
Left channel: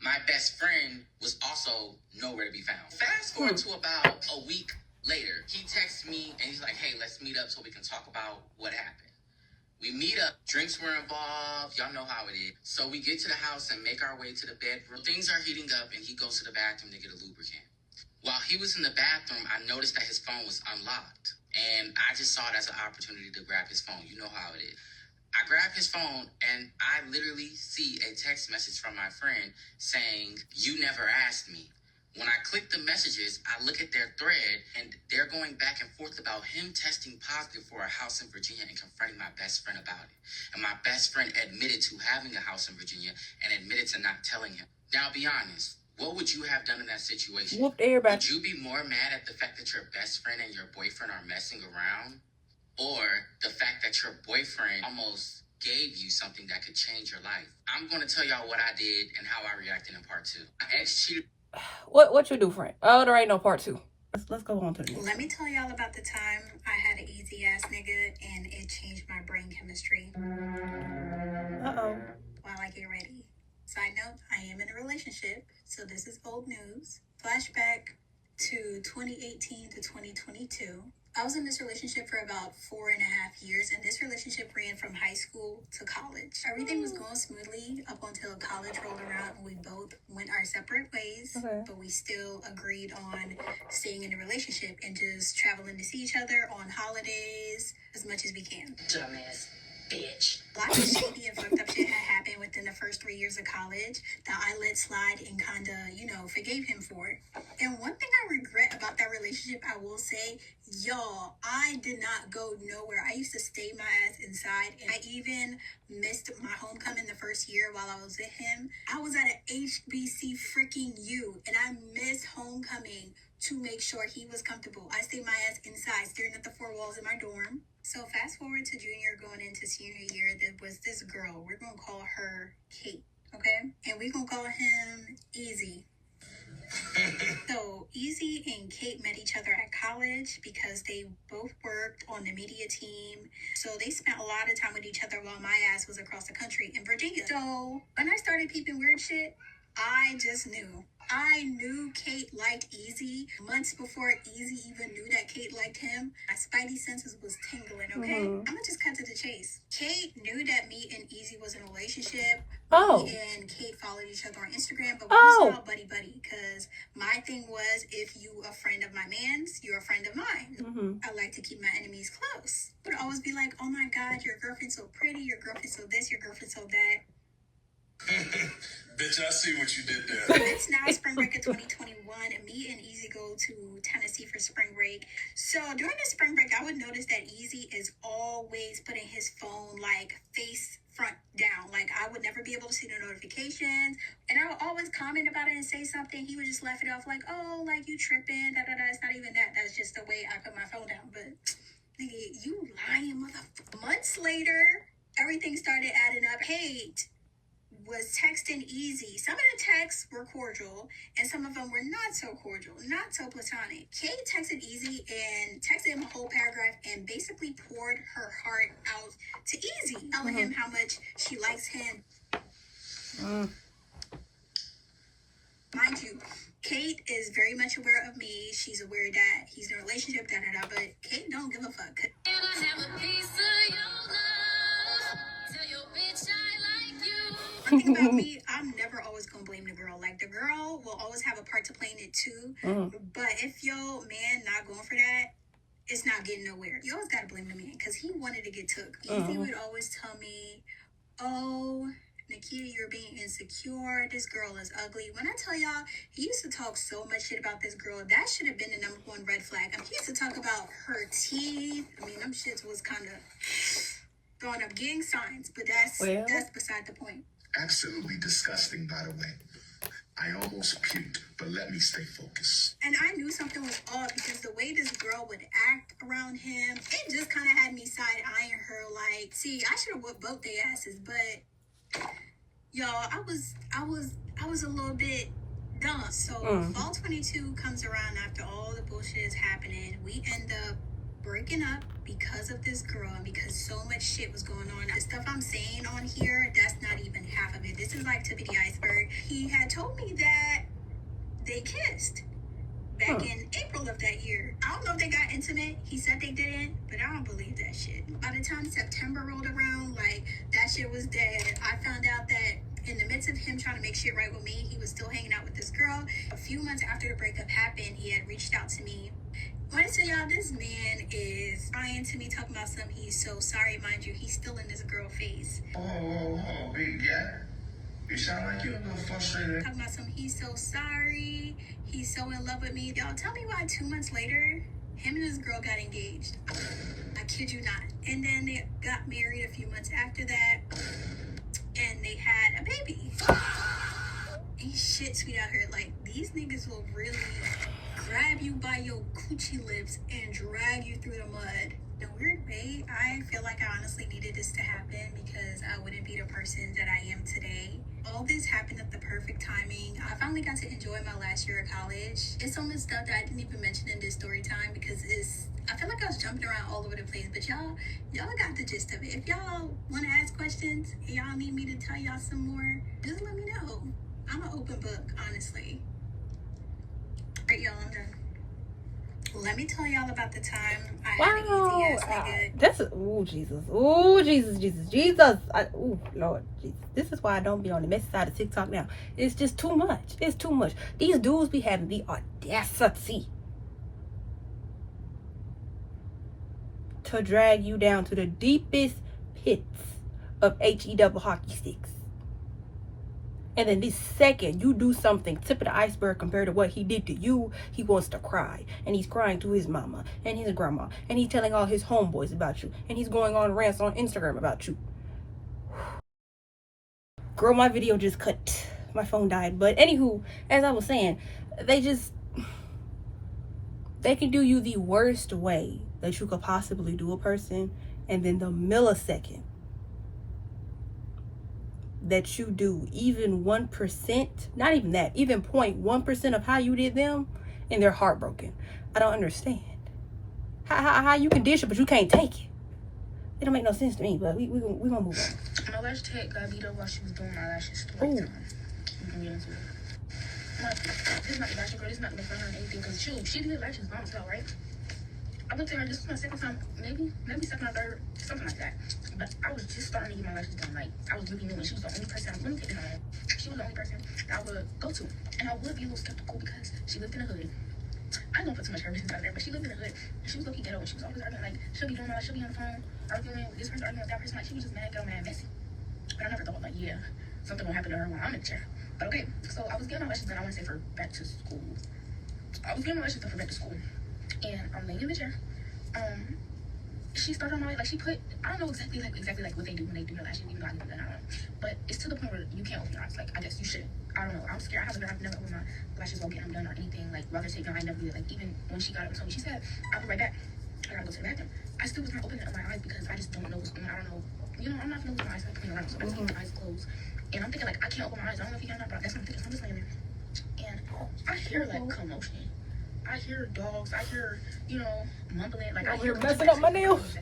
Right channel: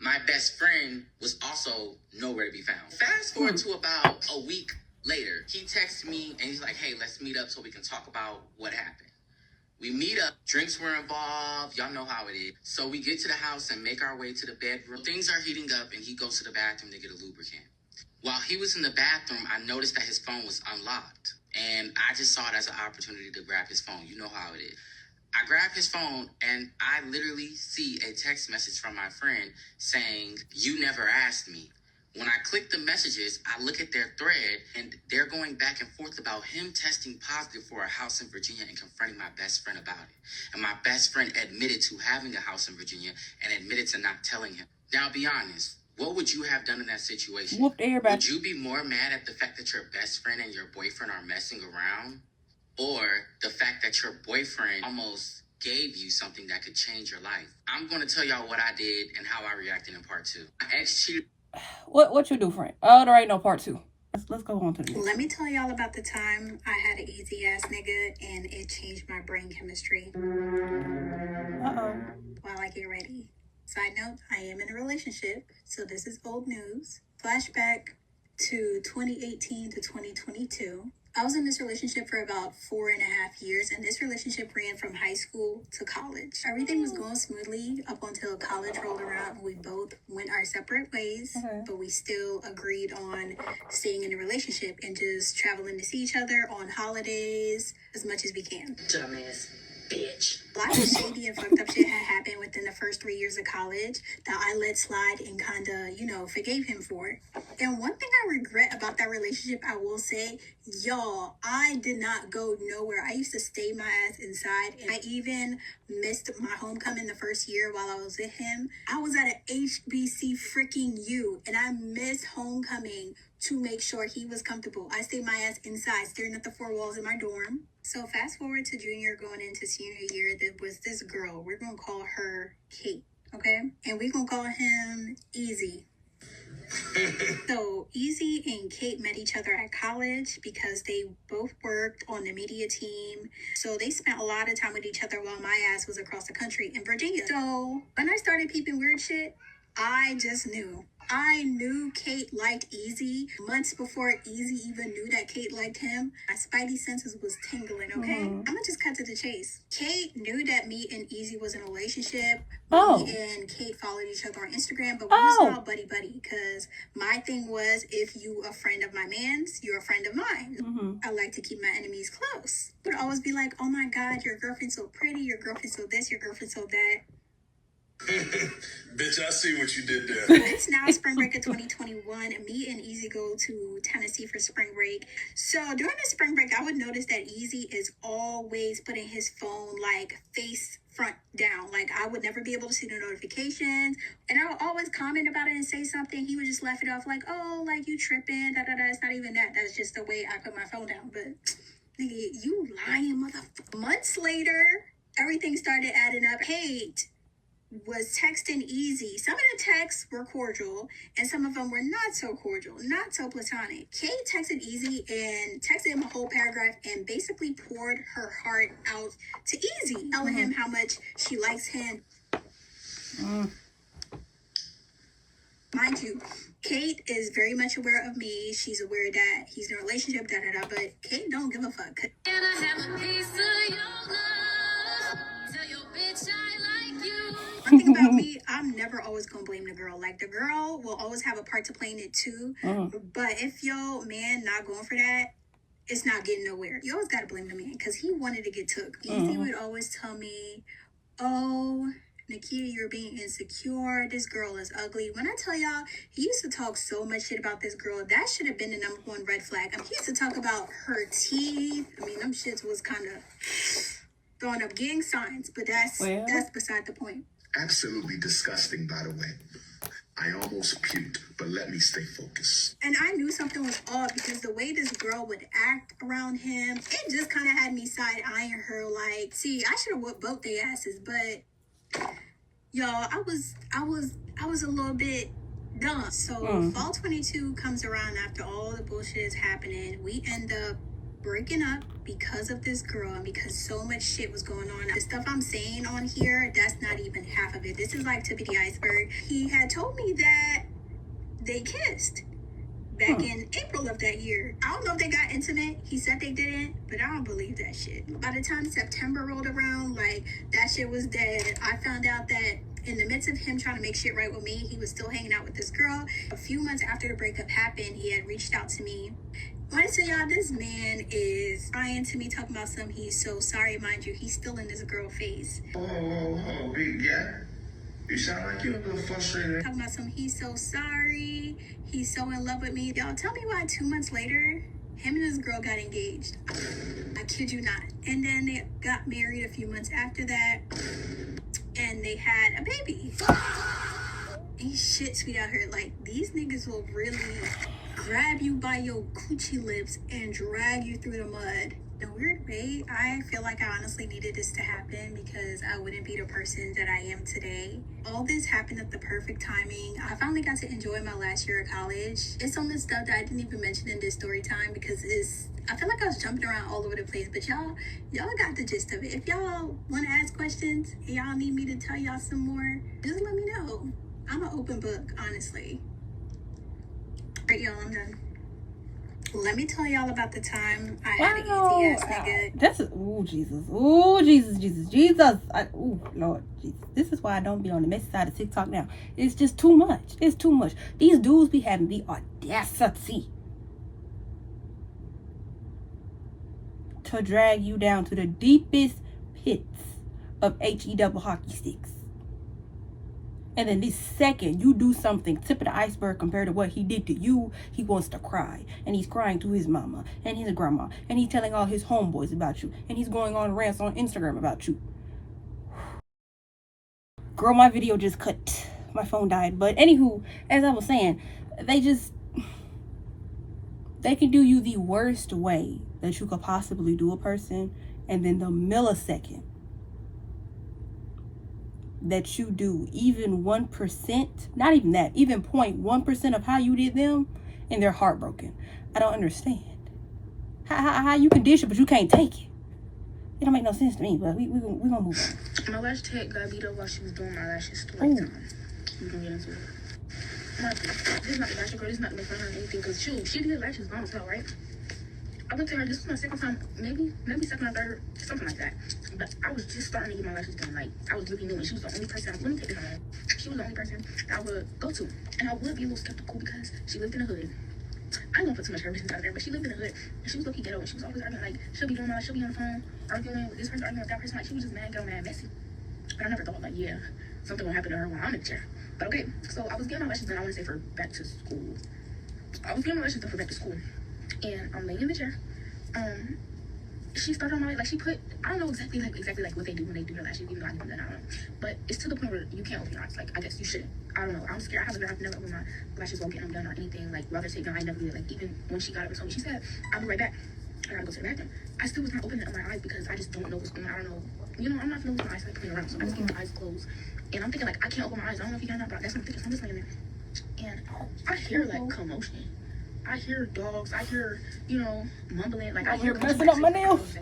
My best friend was also nowhere to be found. Fast forward to about a week later, he texts me and he's like, hey, let's meet up so we can talk about what happened. We meet up, drinks were involved, y'all know how it is. So we get to the house and make our way to the bedroom. Things are heating up and he goes to the bathroom to get a lubricant. While he was in the bathroom, I noticed that his phone was unlocked. And I just saw it as an opportunity to grab his phone. You know how it is. I grab his phone and I literally see a text message from my friend saying, you never asked me. When I click the messages, I look at their thread and they're going back and forth about him testing positive for a house in Virginia and confronting my best friend about it. And my best friend admitted to having a house in Virginia and admitted to not telling him. Now, be honest. What would you have done in that situation? Whooped everybody. Would you be more mad at the fact that your best friend and your boyfriend are messing around? Or the fact that your boyfriend almost gave you something that could change your life? I'm going to tell y'all what I did and how I reacted in part 2. My ex cheated. What you do, friend? Oh, there ain't no part 2. Let's go on to the next. Let me tell y'all about the time I had an easy ass nigga and it changed my brain chemistry. Uh-oh. While I get ready. Side note, I am in a relationship, so this is old news. Flashback to 2018 to 2022. I was in this relationship for about 4.5 years, and this relationship ran from high school to college. Everything was going smoothly up until college rolled around and we both went our separate ways, but we still agreed on staying in a relationship and just traveling to see each other on holidays as much as we can. Dumbass bitch. A lot of shady and fucked up shit had happened within the first 3 years of college that I let slide and kind of, forgave him for. And one thing I regret about that relationship, I will say, y'all, I did not go nowhere. I used to stay my ass inside. And I even missed my homecoming the first year while I was with him. I was at an HBC freaking U, and I missed homecoming to make sure he was comfortable. I stayed my ass inside, staring at the 4 walls in my dorm. So fast forward to junior going into senior year, there was this girl. We're going to call her Kate, okay? And we're going to call him Easy. So Easy and Kate met each other at college because they both worked on the media team. So they spent a lot of time with each other while my ass was across the country in Virginia. So when I started peeping weird shit, I just knew. I knew Kate liked Easy months before Easy even knew that Kate liked him. My spidey senses was tingling, okay? I'm gonna just cut to the chase. Kate knew that me and Easy was in a relationship. Me and Kate followed each other on Instagram, but we was all buddy-buddy because my thing was, if you a friend of my man's, you're a friend of mine. I like to keep my enemies close. Would always be like, oh my God, your girlfriend's so pretty, your girlfriend's so this, your girlfriend's so that. Bitch, I see what you did there. It's now spring break of 2021, and me and Easy go to Tennessee for spring break. So during the spring break, I would notice that Easy is always putting his phone like face front down. Like, I would never be able to see the notifications, and I would always comment about it and say something. He would just laugh it off like, oh, like, you tripping, da-da-da. It's not even that. That's just the way I put my phone down. But nigga, you lying motherfucker. Months later, everything started adding up. Kate was texting Easy. Some of the texts were cordial, and some of them were not so cordial, not so platonic. Kate texted Easy and texted him a whole paragraph and basically poured her heart out to Easy, telling him how much she likes him. Mind you, Kate is very much aware of me. She's aware that he's in a relationship, da-da-da, but Kate don't give a fuck. Can I have a piece of your love? Tell your bitch I like you. One thing about me, I'm never always gonna blame the girl. Like, the girl will always have a part to play in it too. But if your man not going for that, it's not getting nowhere. You always gotta blame the man because he wanted to get took. Easy would always tell me, oh, Nakia, you're being insecure. This girl is ugly. When I tell y'all, he used to talk so much shit about this girl. That should have been the #1 red flag. I mean, he used to talk about her teeth. I mean, them shits was kind of throwing up gang signs, but that's beside the point. Absolutely disgusting, by the way. I almost puked, but let me stay focused. And I knew something was off because the way this girl would act around him, it just kind of had me side-eyeing her like, see, I should have whooped both their asses, but y'all, I was a little bit dumb. So fall 22 comes around after all the bullshit is happening. We end up breaking up because of this girl and because so much shit was going on. The stuff I'm saying on here, that's not even half of it. This is like tip of the iceberg. He had told me that they kissed back in April of that year. I don't know if they got intimate. He said they didn't, but I don't believe that shit. By the time September rolled around, like, that shit was dead. I found out that in the midst of him trying to make shit right with me, he was still hanging out with this girl. A few months after the breakup happened, he had reached out to me. I want to tell y'all, this man is crying to me, talking about something. He's so sorry, mind you. He's still in this girl face. Oh, big yeah. You sound like you're a little frustrated. Talking about something. He's so sorry. He's so in love with me. Y'all, tell me why 2 months later, him and this girl got engaged. I kid you not. And then they got married a few months after that, and they had a baby. Ain't shit sweet out here. Like, these niggas will really grab you by your coochie lips and drag you through the mud. In a weird way, I feel like I honestly needed this to happen because I wouldn't be the person that I am today. All this happened at the perfect timing. I finally got to enjoy my last year of college. It's some of the stuff that I didn't even mention in this story time because I feel like I was jumping around all over the place, but y'all got the gist of it. If y'all want to ask questions and y'all need me to tell y'all some more, just let me know. I'm an open book, honestly. Alright, y'all, I'm done. Let me tell y'all about the time I had an easy ass nigga. That's Jesus. Lord Jesus. This is why I don't be on the messy side of TikTok now. It's just too much. It's too much. These dudes be having the audacity to drag you down to the deepest pits of HE double hockey sticks. And then this second you do something tip of the iceberg compared to what he did to you, he wants to cry. And he's crying to his mama and his grandma. And he's telling all his homeboys about you. And he's going on rants on Instagram about you. Girl, my video just cut. My phone died. But anywho, as I was saying, they can do you the worst way that you could possibly do a person. And then the millisecond that you do even 1%, not even that, even 0.1% of how you did them, and they're heartbroken. I don't understand how you can dish it but you can't take it. It don't make no sense to me, but we gonna move on. My lash tech got beat up while she was doing my lashes. Story time. We gonna get into it. This is not the lash girl. This is not the for her or anything because she did lashes by herself, right? I looked at her, this was my second time, maybe second or third, something like that. But I was just starting to get my lashes done. Like, I was really new, and she was the only person I wouldn't take her. She was the only person that I would go to. And I would be a little skeptical because she lived in the hood. I ain't gonna put too much nervousness out there, but she lived in the hood. And she was low-key ghetto, and she was always arguing, like, she'll be doing that, she'll be on the phone, arguing with this person, arguing with that person. Like, she was just mad, ghetto, mad, messy. But I never thought, like, yeah, something will happen to her while I'm in the chair. But okay, so I was getting my lashes done, I want to say for back to school. I was getting my lashes done for back to school. And I'm laying in the chair. she started on my, like, she put, I don't know exactly what they do when they do their lashes, even though I do that, I don't know. But it's to the point where you can't open your eyes. Like, I guess you shouldn't. I don't know. I'm scared. I've never opened my lashes while getting them done or anything. Like, rather say, no, I never did it. Like, even when she got up and told me, she said, I'll be right back. I gotta go to the bathroom. I still was not opening up my eyes because I just don't know what's going on. I don't know. You know, I'm not familiar with my eyes like playing around. So I just keep my eyes closed. And I'm thinking, like, I can't open my eyes. I don't know if you got that, but that's what I'm thinking. So I'm just laying there. And I hear, like, commotion. I hear dogs. I hear, you know, mumbling. Like, I hear messing up my nails.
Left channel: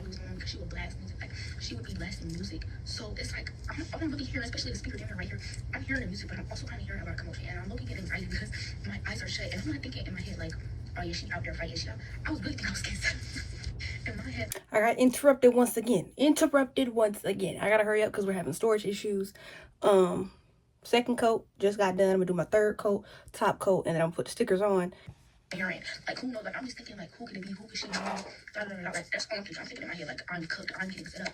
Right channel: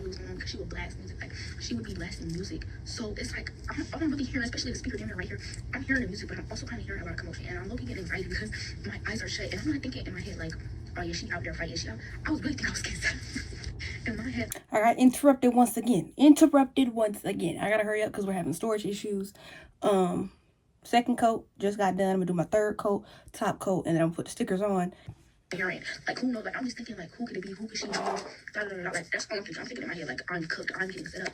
She would blast music. Like, she would be blasting music. So it's like, I'm really hearing, especially the speaker right here. I'm hearing the music, but I'm also kind of hearing a lot of commotion. And I'm looking at anxiety because my eyes are shut. And I'm not thinking in my head, like, oh, yeah, she out there fighting. She out. I was really thinking I was getting sad. In my head. I got interrupted once again. I gotta hurry up because we're having storage issues. Second coat just got done. I'm gonna do my third coat, top coat, and then I'm gonna put the stickers on. Like, who knows? Like, I'm just thinking, like, who could it be? Who could she be? Like, that's all I'm thinking in my head. Like, I'm cooked. I'm getting set up.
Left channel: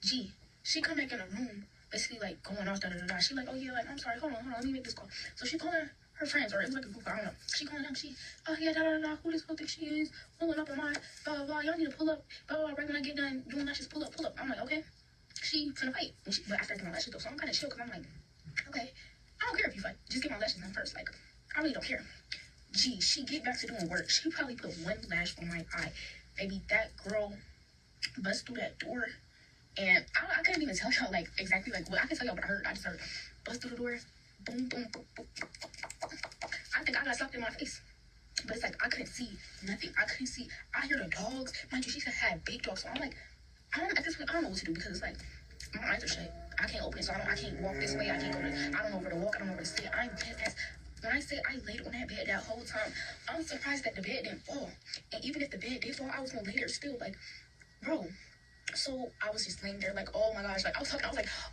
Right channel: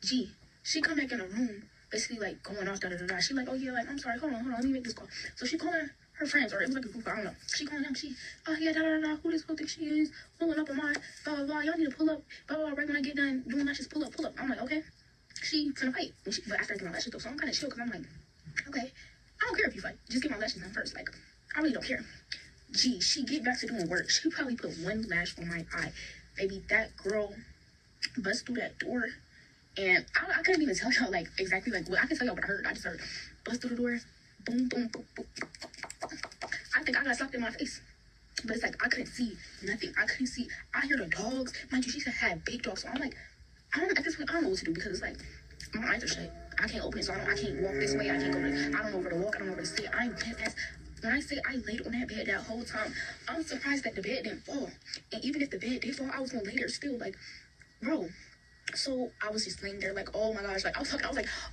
Gee, she come back in the room, basically, like, going off, She like, oh, yeah, like, I'm sorry, hold on, let me make this call. So she calling her friends, or it was like a group, I don't know. She calling them, oh, yeah, who this whole thing she is, pulling up on my, blah, blah, blah, y'all need to pull up, blah, blah, blah, right when I get done doing lashes, pull up. I'm like, okay. She finna fight. But after I get my lashes, though, so I'm kind of chill, because I'm like, okay, I don't care if you fight. Just get my lashes done first. Like, I really don't care. Gee, she get back to doing work. She probably put one lash on my eye. Baby, that girl bust through that door. And I couldn't even tell y'all, like, exactly, like, what I can tell y'all what I heard. I just heard bust through the door. Boom, boom, boom, boom. I think I got slapped in my face. But it's like, I couldn't see nothing. I hear the dogs. Mind you, she had big dogs. So I'm like, at this point, I don't know what to do because it's like, my eyes are shut. I can't open it, so I can't walk this way. I can't go to, I don't know where to walk. I don't know where to sit. I'm dead ass. When I say I laid on that bed that whole time, I'm surprised that the bed didn't fall. And even if the bed did fall, I was gonna lay there still, like, bro. So I was just laying there, like, oh my gosh, like, I was like,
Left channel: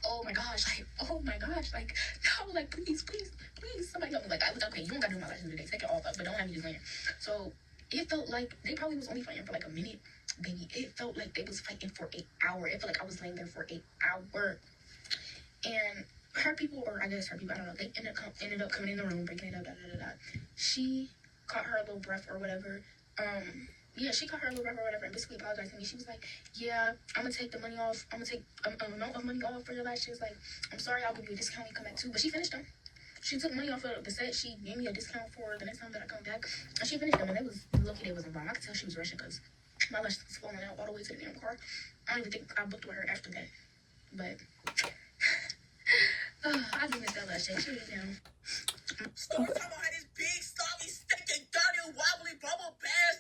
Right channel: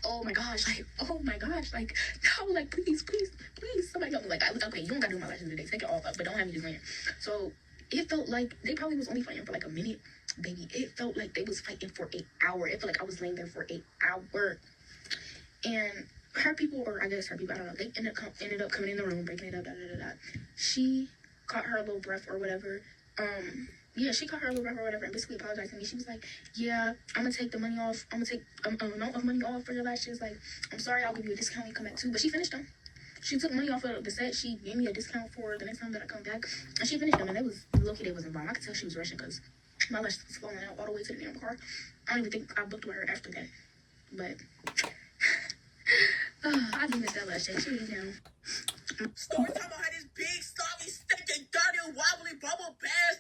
oh my gosh, like, no, like, please, somebody help me. Like, okay, you don't gotta do my lashes today, take it off, but don't have me just laying. So it felt like they probably was only fighting for like a minute, baby. It felt like they was fighting for an hour. It felt like I was laying there for an hour. And her people, or I guess her people, I don't know, they ended up coming in the room, breaking it up, She caught her little breath or whatever. Yeah, she caught her little breath or whatever and basically apologized to me. She was like, yeah, I'm gonna take the money off. I'm gonna take an amount of money off for your lashes. Like, I'm sorry, I'll give you a discount when you come back too. But she finished them. She took money off of the set. She gave me a discount for the next time that I come back. And she finished them. And it was lucky they wasn't wrong. I could tell she was rushing because my lashes was falling out all the way to the damn car. I don't even think I booked with her after that. But I do miss that lash shape. She is now. Story time about how this big, stubby, stinking, dirty, wobbly, bubble bass,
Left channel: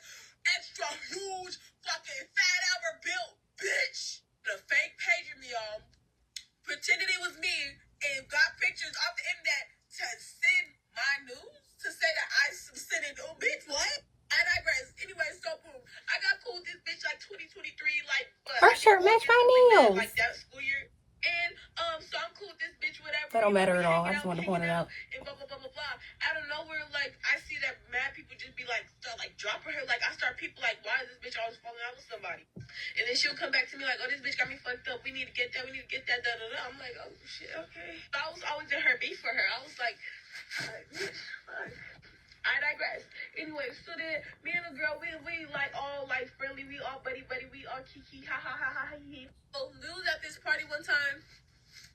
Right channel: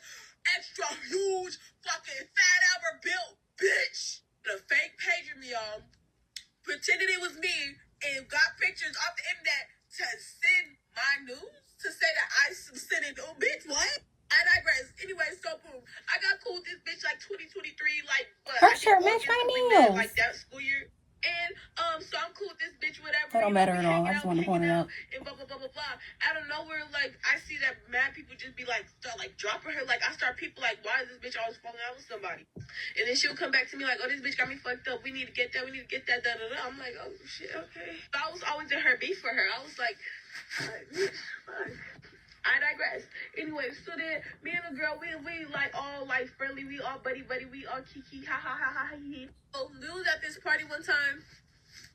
extra huge, fucking fat ever built bitch. The fake page of me, y'all, pretended it was me and got pictures off the internet to send my news to say that I sent it. Oh, bitch, what? I digress. Anyway, so boom, I got cool with this bitch like 2023, like Her shirt matched my nails. like that school year. And so I'm cool with this bitch, whatever. That don't matter at all. I just wanted to point it out. And blah blah blah blah blah. Out of nowhere, like I see that mad people just be like, start like dropping her. Like I start people like, why is this bitch always falling out with somebody? And then she'll come back to me like, oh, this bitch got me fucked up. We need to get that. Da da da. I'm like, oh shit, okay. So I was always in her beef for her. I was like, fuck. I digress. Anyway, so then me and the girl, we like all like friendly, we all buddy, we all kiki, ha ha ha ha ha he. So we was at this party one time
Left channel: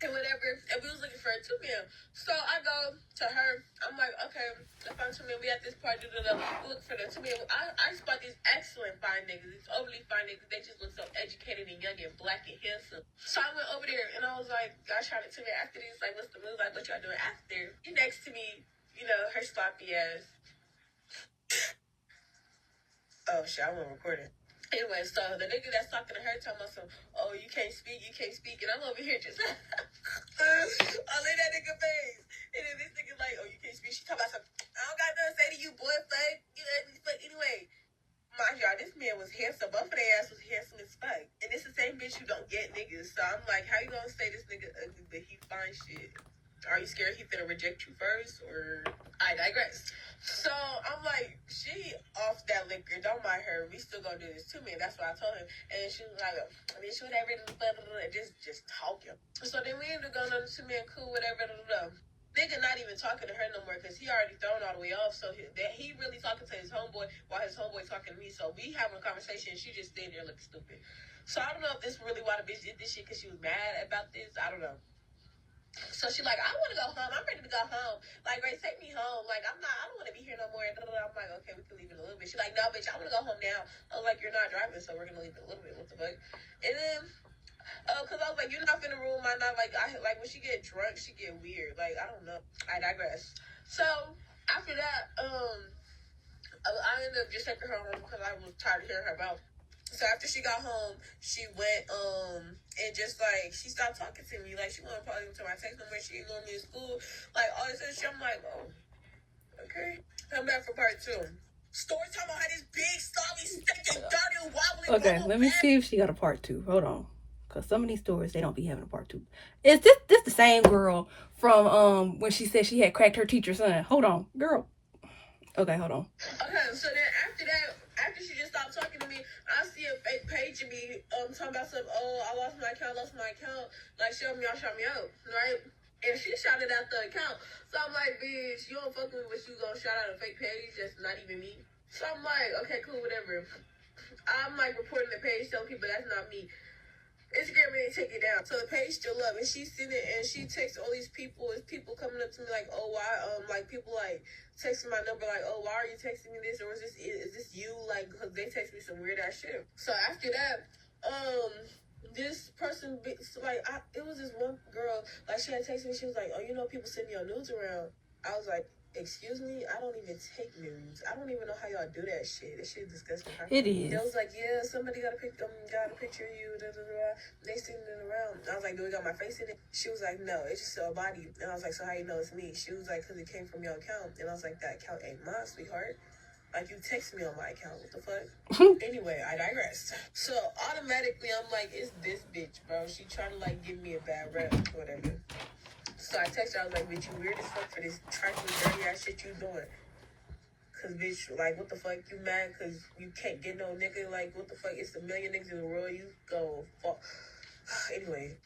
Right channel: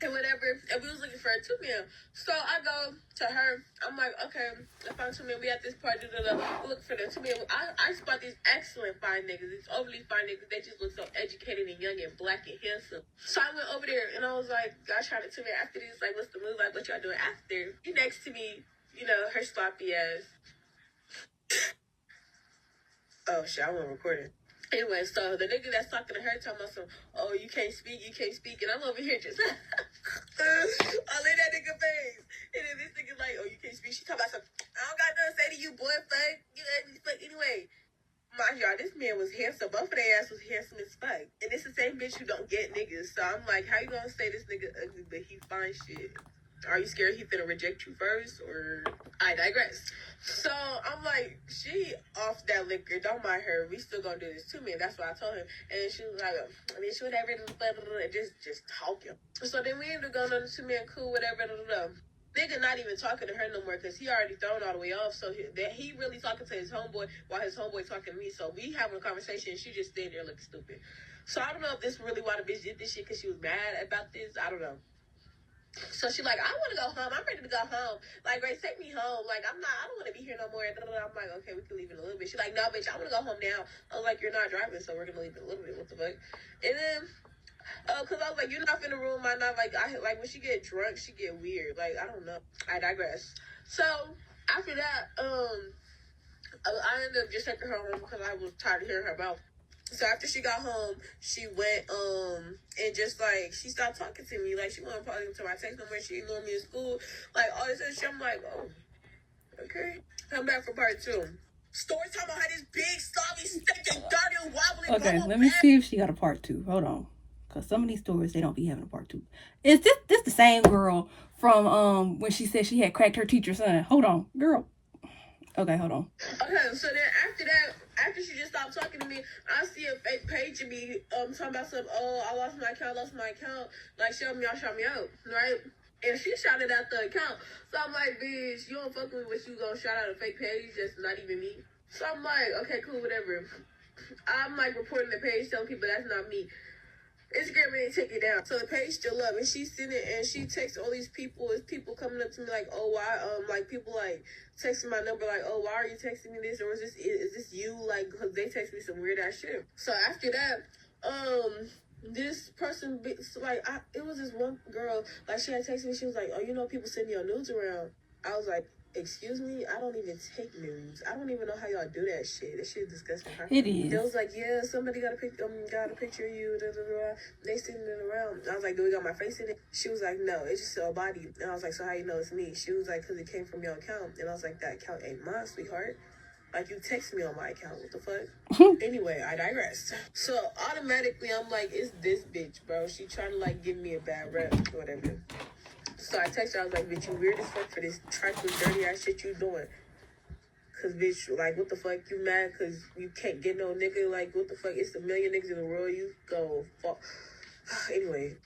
and whatever, and we was looking for a 2-meal. So I go to her, I'm like, okay, I found 2-meal, we at this party, we look for the 2-meal. I spot these excellent fine niggas, these overly fine niggas, they just look so educated and young and black and handsome. So I went over there and I was like, y'all trying to 2-meal after this, like what's the move, like what y'all doing after? He next to me, you know, her sloppy ass. Oh shit, I wasn't recording. Anyway, so the nigga that's talking to her talking about some, oh, you can't speak, and I'm over here just I lay that nigga face. And then this nigga like, oh, you can't speak. She talking about some, I don't got nothing to say to you, boy, fuck. You let me fuck. Anyway, mind y'all, this man was handsome. Both of their ass was handsome as fuck. And it's the same bitch who don't get niggas. So I'm like, how you gonna say this nigga ugly, but he fine shit? Are you scared he finna reject you first? Or I digress. So I'm like, she off that liquor. Don't mind her. We still gonna do this to me. That's what I told him. And she was like, I mean, she whatever, and just talking. So then we ended up going on the 2-man cool, whatever. nigga not even talking to her no more because he already thrown all the way off. So he really talking to his homeboy while his homeboy talking to me. So we having a conversation and she just stayed there looking stupid. So I don't know if this really why the bitch did this shit because she was mad about this. I don't know. So she like, I want to go home. I'm ready to go home. Like, Grace, take me home. Like, I don't want to be here no more. I'm like, okay, we can leave in a little bit. She like, no, bitch, I want to go home now. I was like, you're not driving, so we're going to leave in a little bit. What the fuck? And then, because I was like, you're not in the room. I'm not like, like when she get drunk, she get weird. Like, I don't know. I digress. So after that, I ended up just taking her home because I was tired of hearing her mouth. So after she got home, she went and just like she stopped talking to me. Like she wasn't talking to my text no more. She ignored me in school. Like all this other shit. I'm like, oh, okay. Come back for part 2. Story time on how this big snobby stinking dirty wobbly. Okay, let me see if she got a part 2. Hold on. Cause some of these stories they don't be having a part 2. Is this the same girl from when she said she had cracked her teacher's son? Hold on, girl. Okay, hold on. Okay, so then after that, after she just stopped talking to me, I see a fake page of me talking about some, oh, I lost my account. Like, shout me out, right? And she shouted out the account. So I'm like, bitch, you don't fuck with me, but you gonna shout out a fake page that's not even me. So I'm like, okay, cool, whatever. I'm like reporting the page, telling people that's not me. Instagram didn't take it down. So the page still up and she's sitting it and she texts all these people. It's people coming up to me like, oh, why like people like texting my number like, oh, why are you texting me this? Or is this you? Like, because they text me some weird ass shit. So after that, this person like it was this one girl, like she had texted me, she was like, oh, you know people sending your nudes around. I was like, excuse me, I don't even take nudes. I don't even know how y'all do that shit. That shit is disgusting. It is. They was like, yeah, somebody got a picture of you. Da, da, da. They sending it around. I was like, do we got my face in it? She was like, no, it's just a body. And I was like, so how you know it's me? She was like, because it came from your account. And I was like, that account ain't mine, sweetheart. Like, you text me on my account. What the fuck? Anyway, I digressed. So automatically, I'm like, it's this bitch, bro. She trying to like give me a bad rep, whatever. So I texted her, I was like, bitch, you weird as fuck for this trifling dirty ass shit you doing. Cause bitch, like, what the fuck, you mad cause you can't get no nigga? Like, what the fuck, it's a million niggas in the world, you go fuck. Anyway,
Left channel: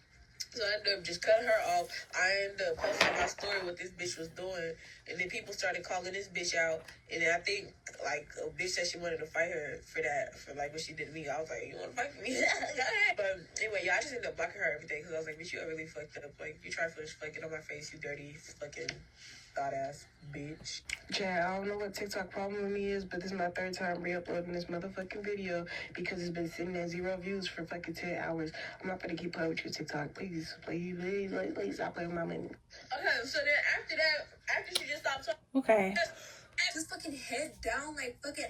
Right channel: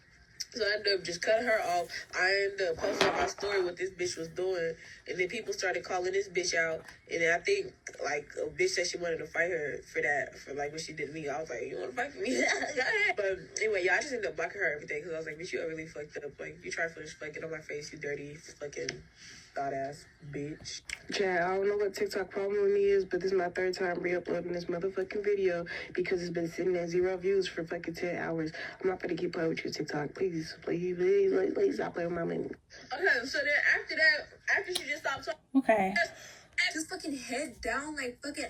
so I ended up just cutting her off. I ended up posting on my story what this bitch was doing. And then people started calling this bitch out. And then I think, like, a bitch said she wanted to fight her for that, for, like, what she did to me. I was like, you want to fight for me? Go ahead. But anyway, yeah, I just ended up blocking her every day because I was like, bitch, you are really fucked up. Like, you try to fuck it on my face, you dirty fucking thought ass bitch. Chad, I don't know what TikTok problem with me is, but this is my 3rd time re-uploading this motherfucking video because it's been sitting at 0 views for fucking 10 hours. I'm not gonna keep playing with your TikTok. Please stop playing with my money. Okay, so then after that, after she just stopped talking. Okay. Just fucking head down, like fucking.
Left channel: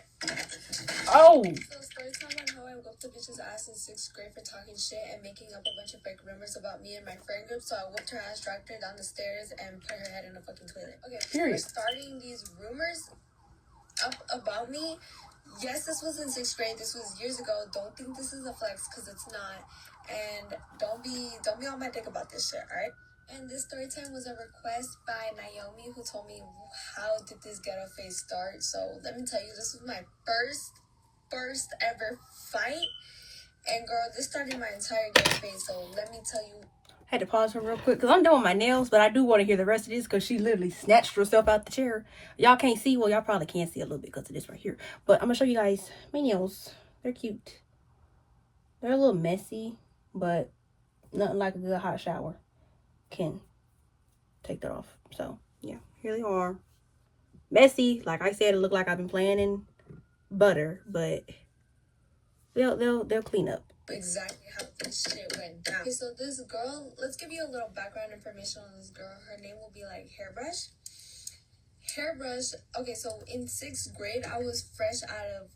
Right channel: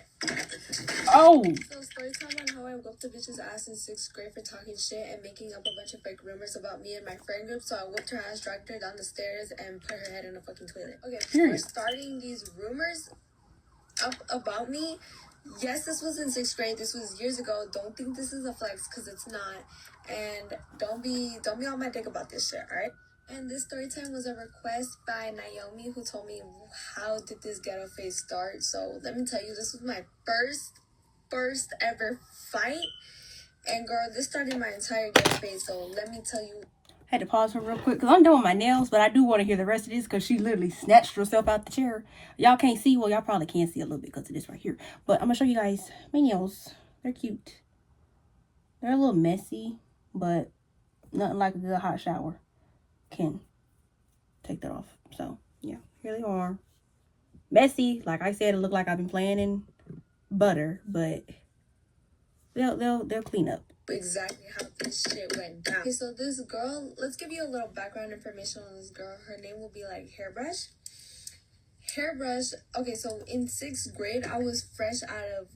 Oh. So story time on how I whooped a bitch's ass in 6th grade for talking shit and making up a bunch of fake rumors about me and my friend group. So I whooped her ass, dragged her down the stairs, and put her head in a fucking toilet. Okay, Period. so starting these rumors up about me. Yes, this was in 6th grade. This was years ago. Don't think this is a flex because it's not. And don't be on my dick about this shit, alright? And this story time was a request by Naomi, who told me, how did this ghetto phase start? So let me tell you, this was my first ever fight. And girl, this started my entire ghetto phase. So let me tell you. I had to pause her real quick because I'm doing my nails, but I do want to hear the rest of this because she literally snatched herself out the chair. Y'all can't see. Well, y'all probably can see a little bit because of this right here. But I'm going to show you guys my nails. They're cute. They're a little messy, but nothing like a good hot shower can take that off. So yeah, here they are. Messy, like I said, it looked like I've been playing in butter, but they'll clean up. Exactly how this shit went down. Okay, so this girl, let's give you a little background information on this girl. Her name will be like Hairbrush. Okay, so in 6th grade, I was fresh out of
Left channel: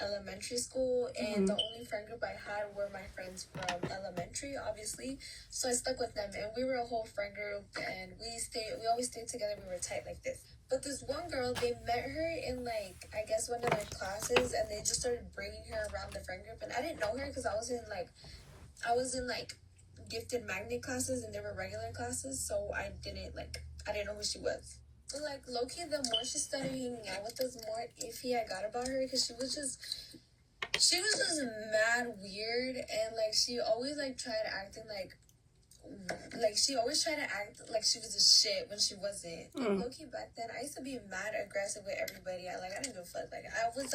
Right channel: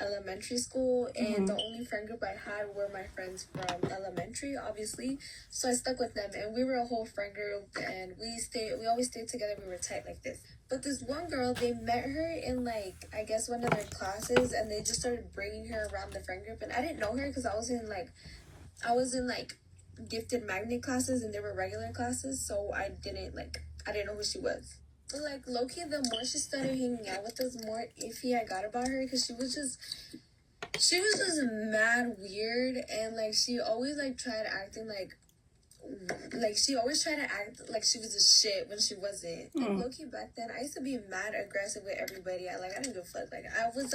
elementary school, and the only friend group I had were my friends from elementary, obviously. So I stuck with them, and we were a whole friend group, and we always stayed together. We were tight like this. But this one girl, they met her in like, I guess one of their classes, and they just started bringing her around the friend group. And I didn't know her because I was in gifted magnet classes, and they were regular classes, so I didn't know who she was. But like low-key, the more she started hanging out with us, the more iffy I got about her, because she was just mad weird, and like she always like tried acting like like she always tried to act like she was a shit when she wasn't. Low-key back then, I used to be mad aggressive with everybody. I didn't give a fuck. Like I was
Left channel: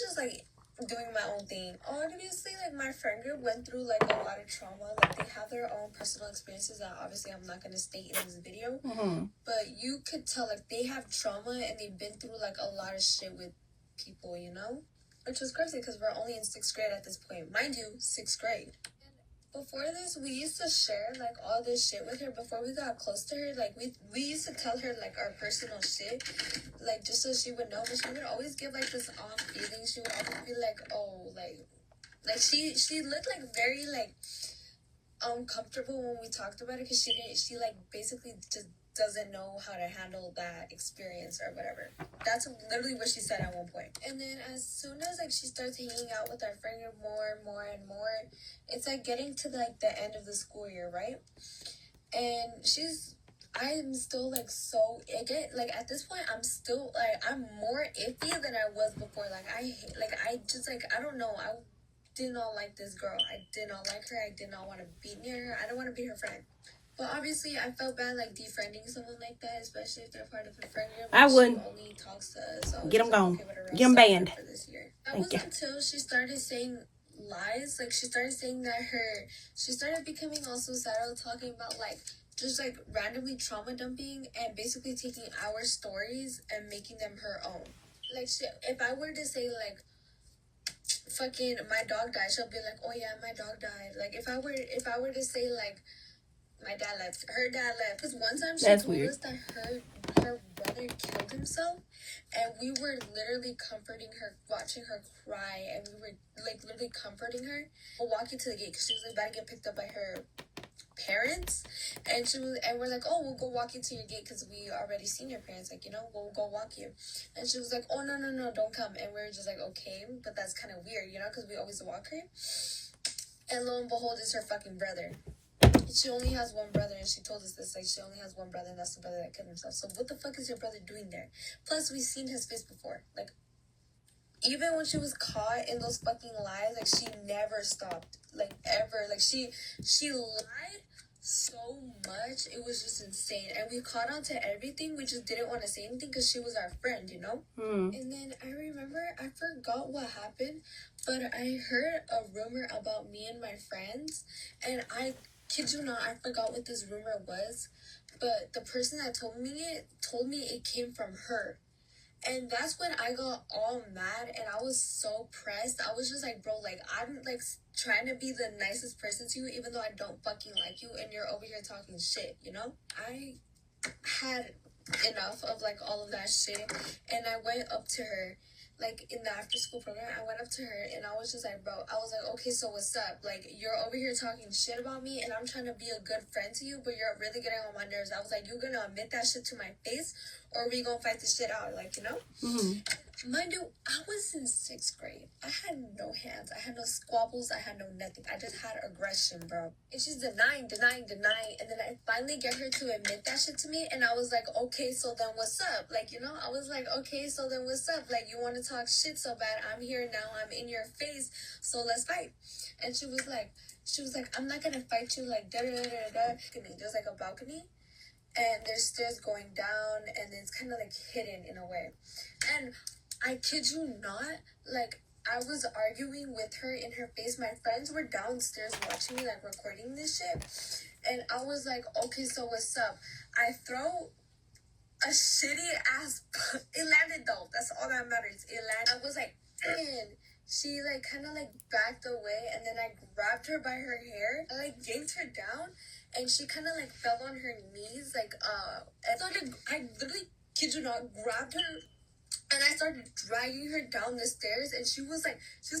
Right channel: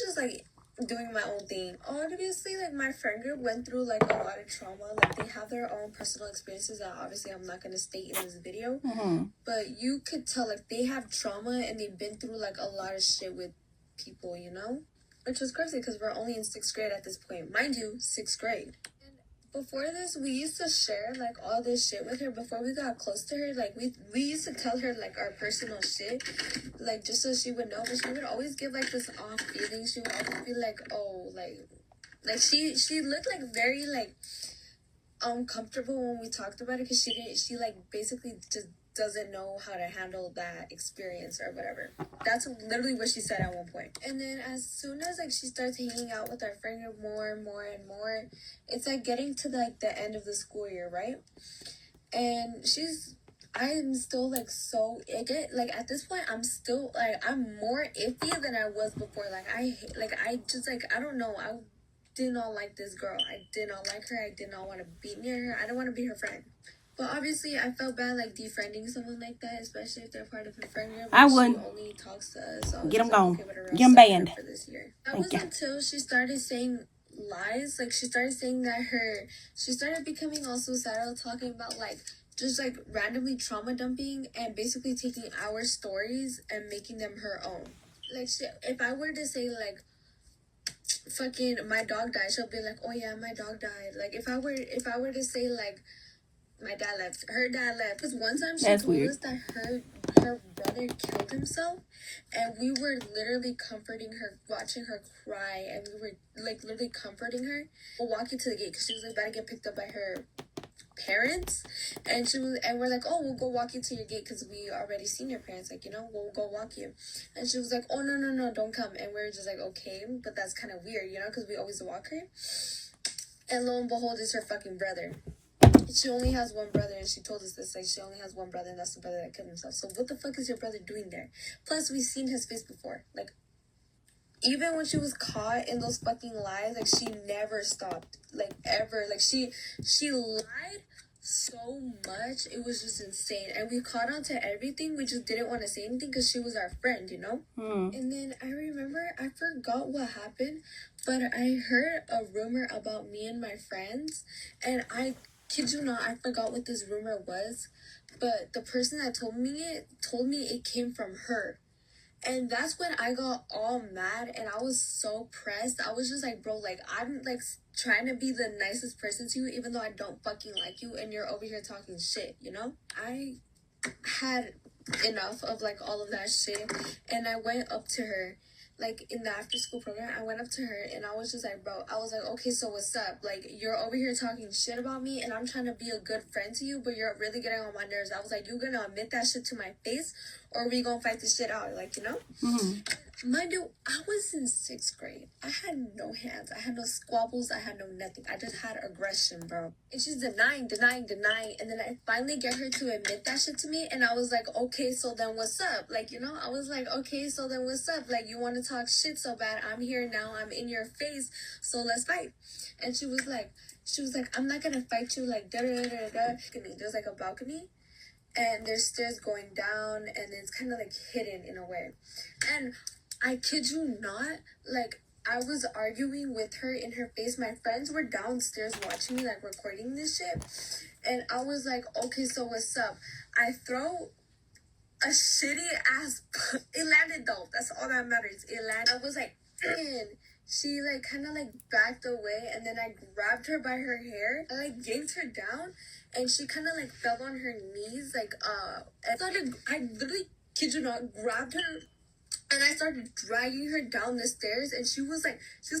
just like doing my own thing. Obviously, like my friend group went through like a lot of trauma. Like they have their own personal experiences that obviously I'm not gonna state in this video. But you could tell like they have trauma and they've been through like a lot of shit with people, you know? Which was crazy because we're only in 6th grade at this point. Mind you, 6th grade. Before this, we used to share like all this shit with her. Before we got close to her, like we used to tell her like our personal shit, like just so she would know. But she would always give like this off feeling. She would always be like, oh, like she looked like very like uncomfortable when we talked about it because she like basically just doesn't know how to handle that experience or whatever. That's literally what she said at one point. And then as soon as like she starts hanging out with our friend group more and more and more, it's like getting to like the end of the school year, right? And I'm still like so like at this point I'm still like I'm more iffy than I was before. I don't know. I did not like this girl. I did not like her. I did not want to be near her. I don't want to be her friend. But obviously, I felt bad, like, defriending someone like that, especially if they're part of her friend group. I wouldn't. She only talks to us. So get them like, gone. Okay, get them banned. For this year. That was until she started saying lies. Like, she started saying that she started becoming all suicidal, talking about, like, just, like, randomly trauma dumping and basically taking our stories and making them her own. Like, if I were to say, like, fucking, my dog died, she'll be like, oh, yeah, my dog died. Like, if I were to say, like, my dad left. Her dad left. Because one time she told us that her brother killed himself. And we were literally comforting her, watching her cry. And we were, like, literally comforting her. We'll walk you to the gate because she was about to get picked up by her parents. And we're like, oh, we'll go walk you to your gate because we already seen your parents. Like, you know, we'll go walk you. And she was like, oh, no, don't come. And we were just like, okay. But that's kind of weird, you know, because we always walk her. And lo and behold, it's her fucking brother. She only has one brother, and she told us this, like, she only has one brother, and that's the brother that killed himself. So what the fuck is your brother doing there? Plus, we've seen his face before. Like, even when she was caught in those fucking lies, like, she never stopped. Like, ever. Like, she lied so much. It was just insane. And we caught on to everything. We just didn't want to say anything because she was our friend, you know? And then I remember, I forgot what happened, but I heard a rumor about me and my friends, and I kid you not, I forgot what this rumor was, but the person that told me it came from her. And that's when I got all mad and I was so pressed. I was just like, bro, like, I'm like trying to be the nicest person to you even though I don't fucking like you and you're over here talking shit, you know? I had enough of like all of that shit and I went up to her. Like, in the after-school program, I went up to her, and I was just like, bro, I was like, okay, so what's up? Like, you're over here talking shit about me, and I'm trying to be a good friend to you, but you're really getting on my nerves. I was like, you gonna admit that shit to my face, or are we gonna fight this shit out? Like, you know? Mind you, I was in 6th grade. I had no hands. I had no squabbles. I had no nothing. I just had aggression, bro. And she's denying. And then I finally get her to admit that shit to me. And I was like, okay, so then what's up? Like, you know, I was like, okay, so then what's up? Like, you want to talk shit so bad. I'm here now. I'm in your face. So let's fight. And she was like, I'm not going to fight you. Like, da-da-da-da-da. There's like a balcony. And there's stairs going down. And it's kind of like hidden in a way. And I kid you not, like, I was arguing with her in her face. My friends were downstairs watching me, like, recording this shit. And I was like, okay, so what's up? I throw a shitty-ass... It landed, though. That's all that matters. It landed. I was like, she, like, kind of, like, backed away. And then I grabbed her by her hair. I, like, yanked her down. And she kind of, like, fell on her knees. Like, I literally, kid you not, grabbed her. And I started dragging her down the stairs, and she was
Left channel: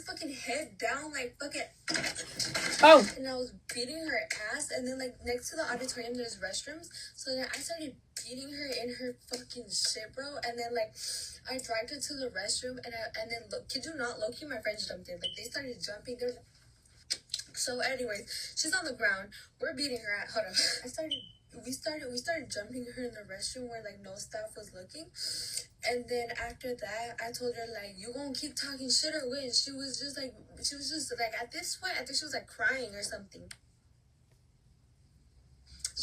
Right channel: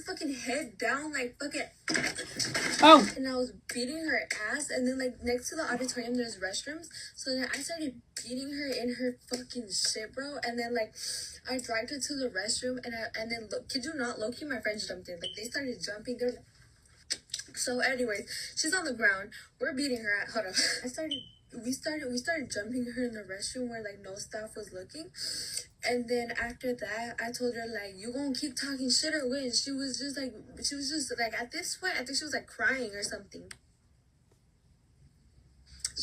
fucking head down, like, fucking... Oh! And I was beating her ass, and then, like, next to the auditorium, there's restrooms, so then I started beating her in her fucking shit, bro, and then, like, I dragged her to the restroom, and then, kid you not, low-key, my friends jumped in, like, they started jumping, so, anyways, she's on the ground, we're beating her at... Hold on. We started jumping her in the restroom where, like, no staff was looking. And then after that, I told her, like, you gonna keep talking shit or what? And she was just, like, at this point, I think she was, like, crying or something.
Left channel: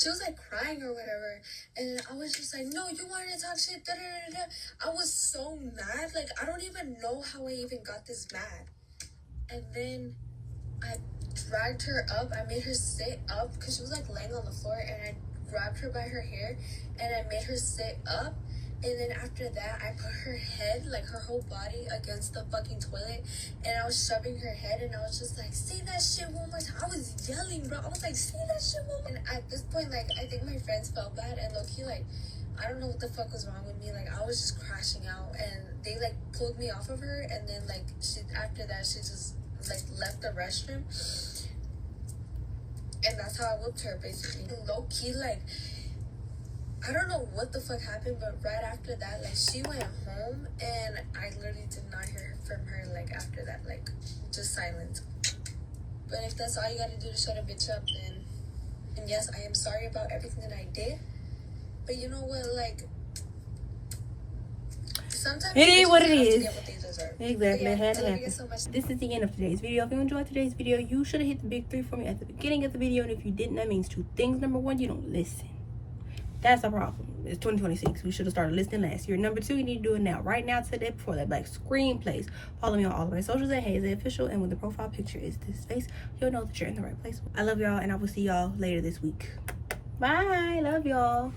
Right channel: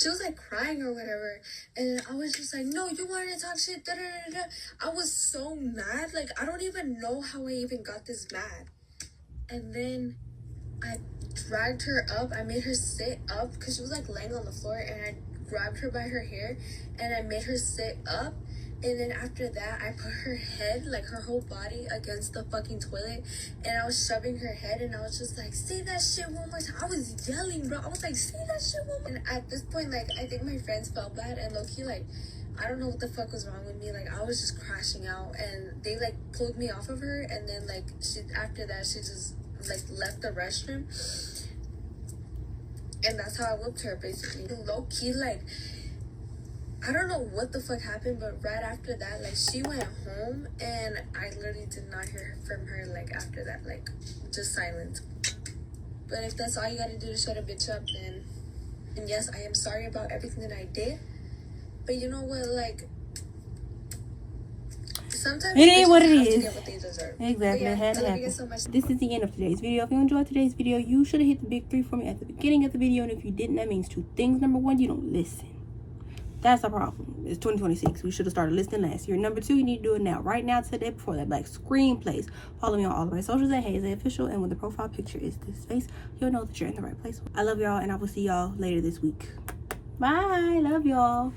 she was like crying or whatever, and I was just like, no, you wanted to talk shit, da da da da. I was so mad, like I don't even know how I even got this mad. And then I dragged her up. I made her sit up because she was like laying on the floor, and I grabbed her by her hair and I made her sit up. And then after that, I put her head, like her whole body, against the fucking toilet, and I was shoving her head, and I was just like, say that shit one more time. I was yelling, bro. I was like, say that shit one more. And at this point, like, I think my friends felt bad, and low-key, like, I don't know what the fuck was wrong with me. Like, I was just crashing out, and they like pulled me off of her, and then like after that, she just like left the restroom, and that's how I whooped her, basically. Low-key, like, I don't know what the fuck happened, but right after that, like, she went home, and I literally did not hear from her, like, after that, like, just silent. But if that's all you gotta do to shut a bitch up, then, and yes, I am sorry about everything that I did, but you know what, like, sometimes it is what it have to is. get what they deserve. Exactly, Yeah, it had to thank you happen. guys so much. This is the end of today's video. If you enjoyed today's video, you should have hit the big 3 for me at the beginning of the video, and if you didn't, that means 2 things. Number 1, you don't listen. That's a problem. It's 2026. We should have started listening last year. Number 2, you need to do it now. Right now, today, before that black screen plays. Follow me on all of my socials at HeyItsZae Official. And when the profile picture is this face, you'll know that you're in the right place. I love y'all, and I will see y'all later this week. Bye. Love y'all.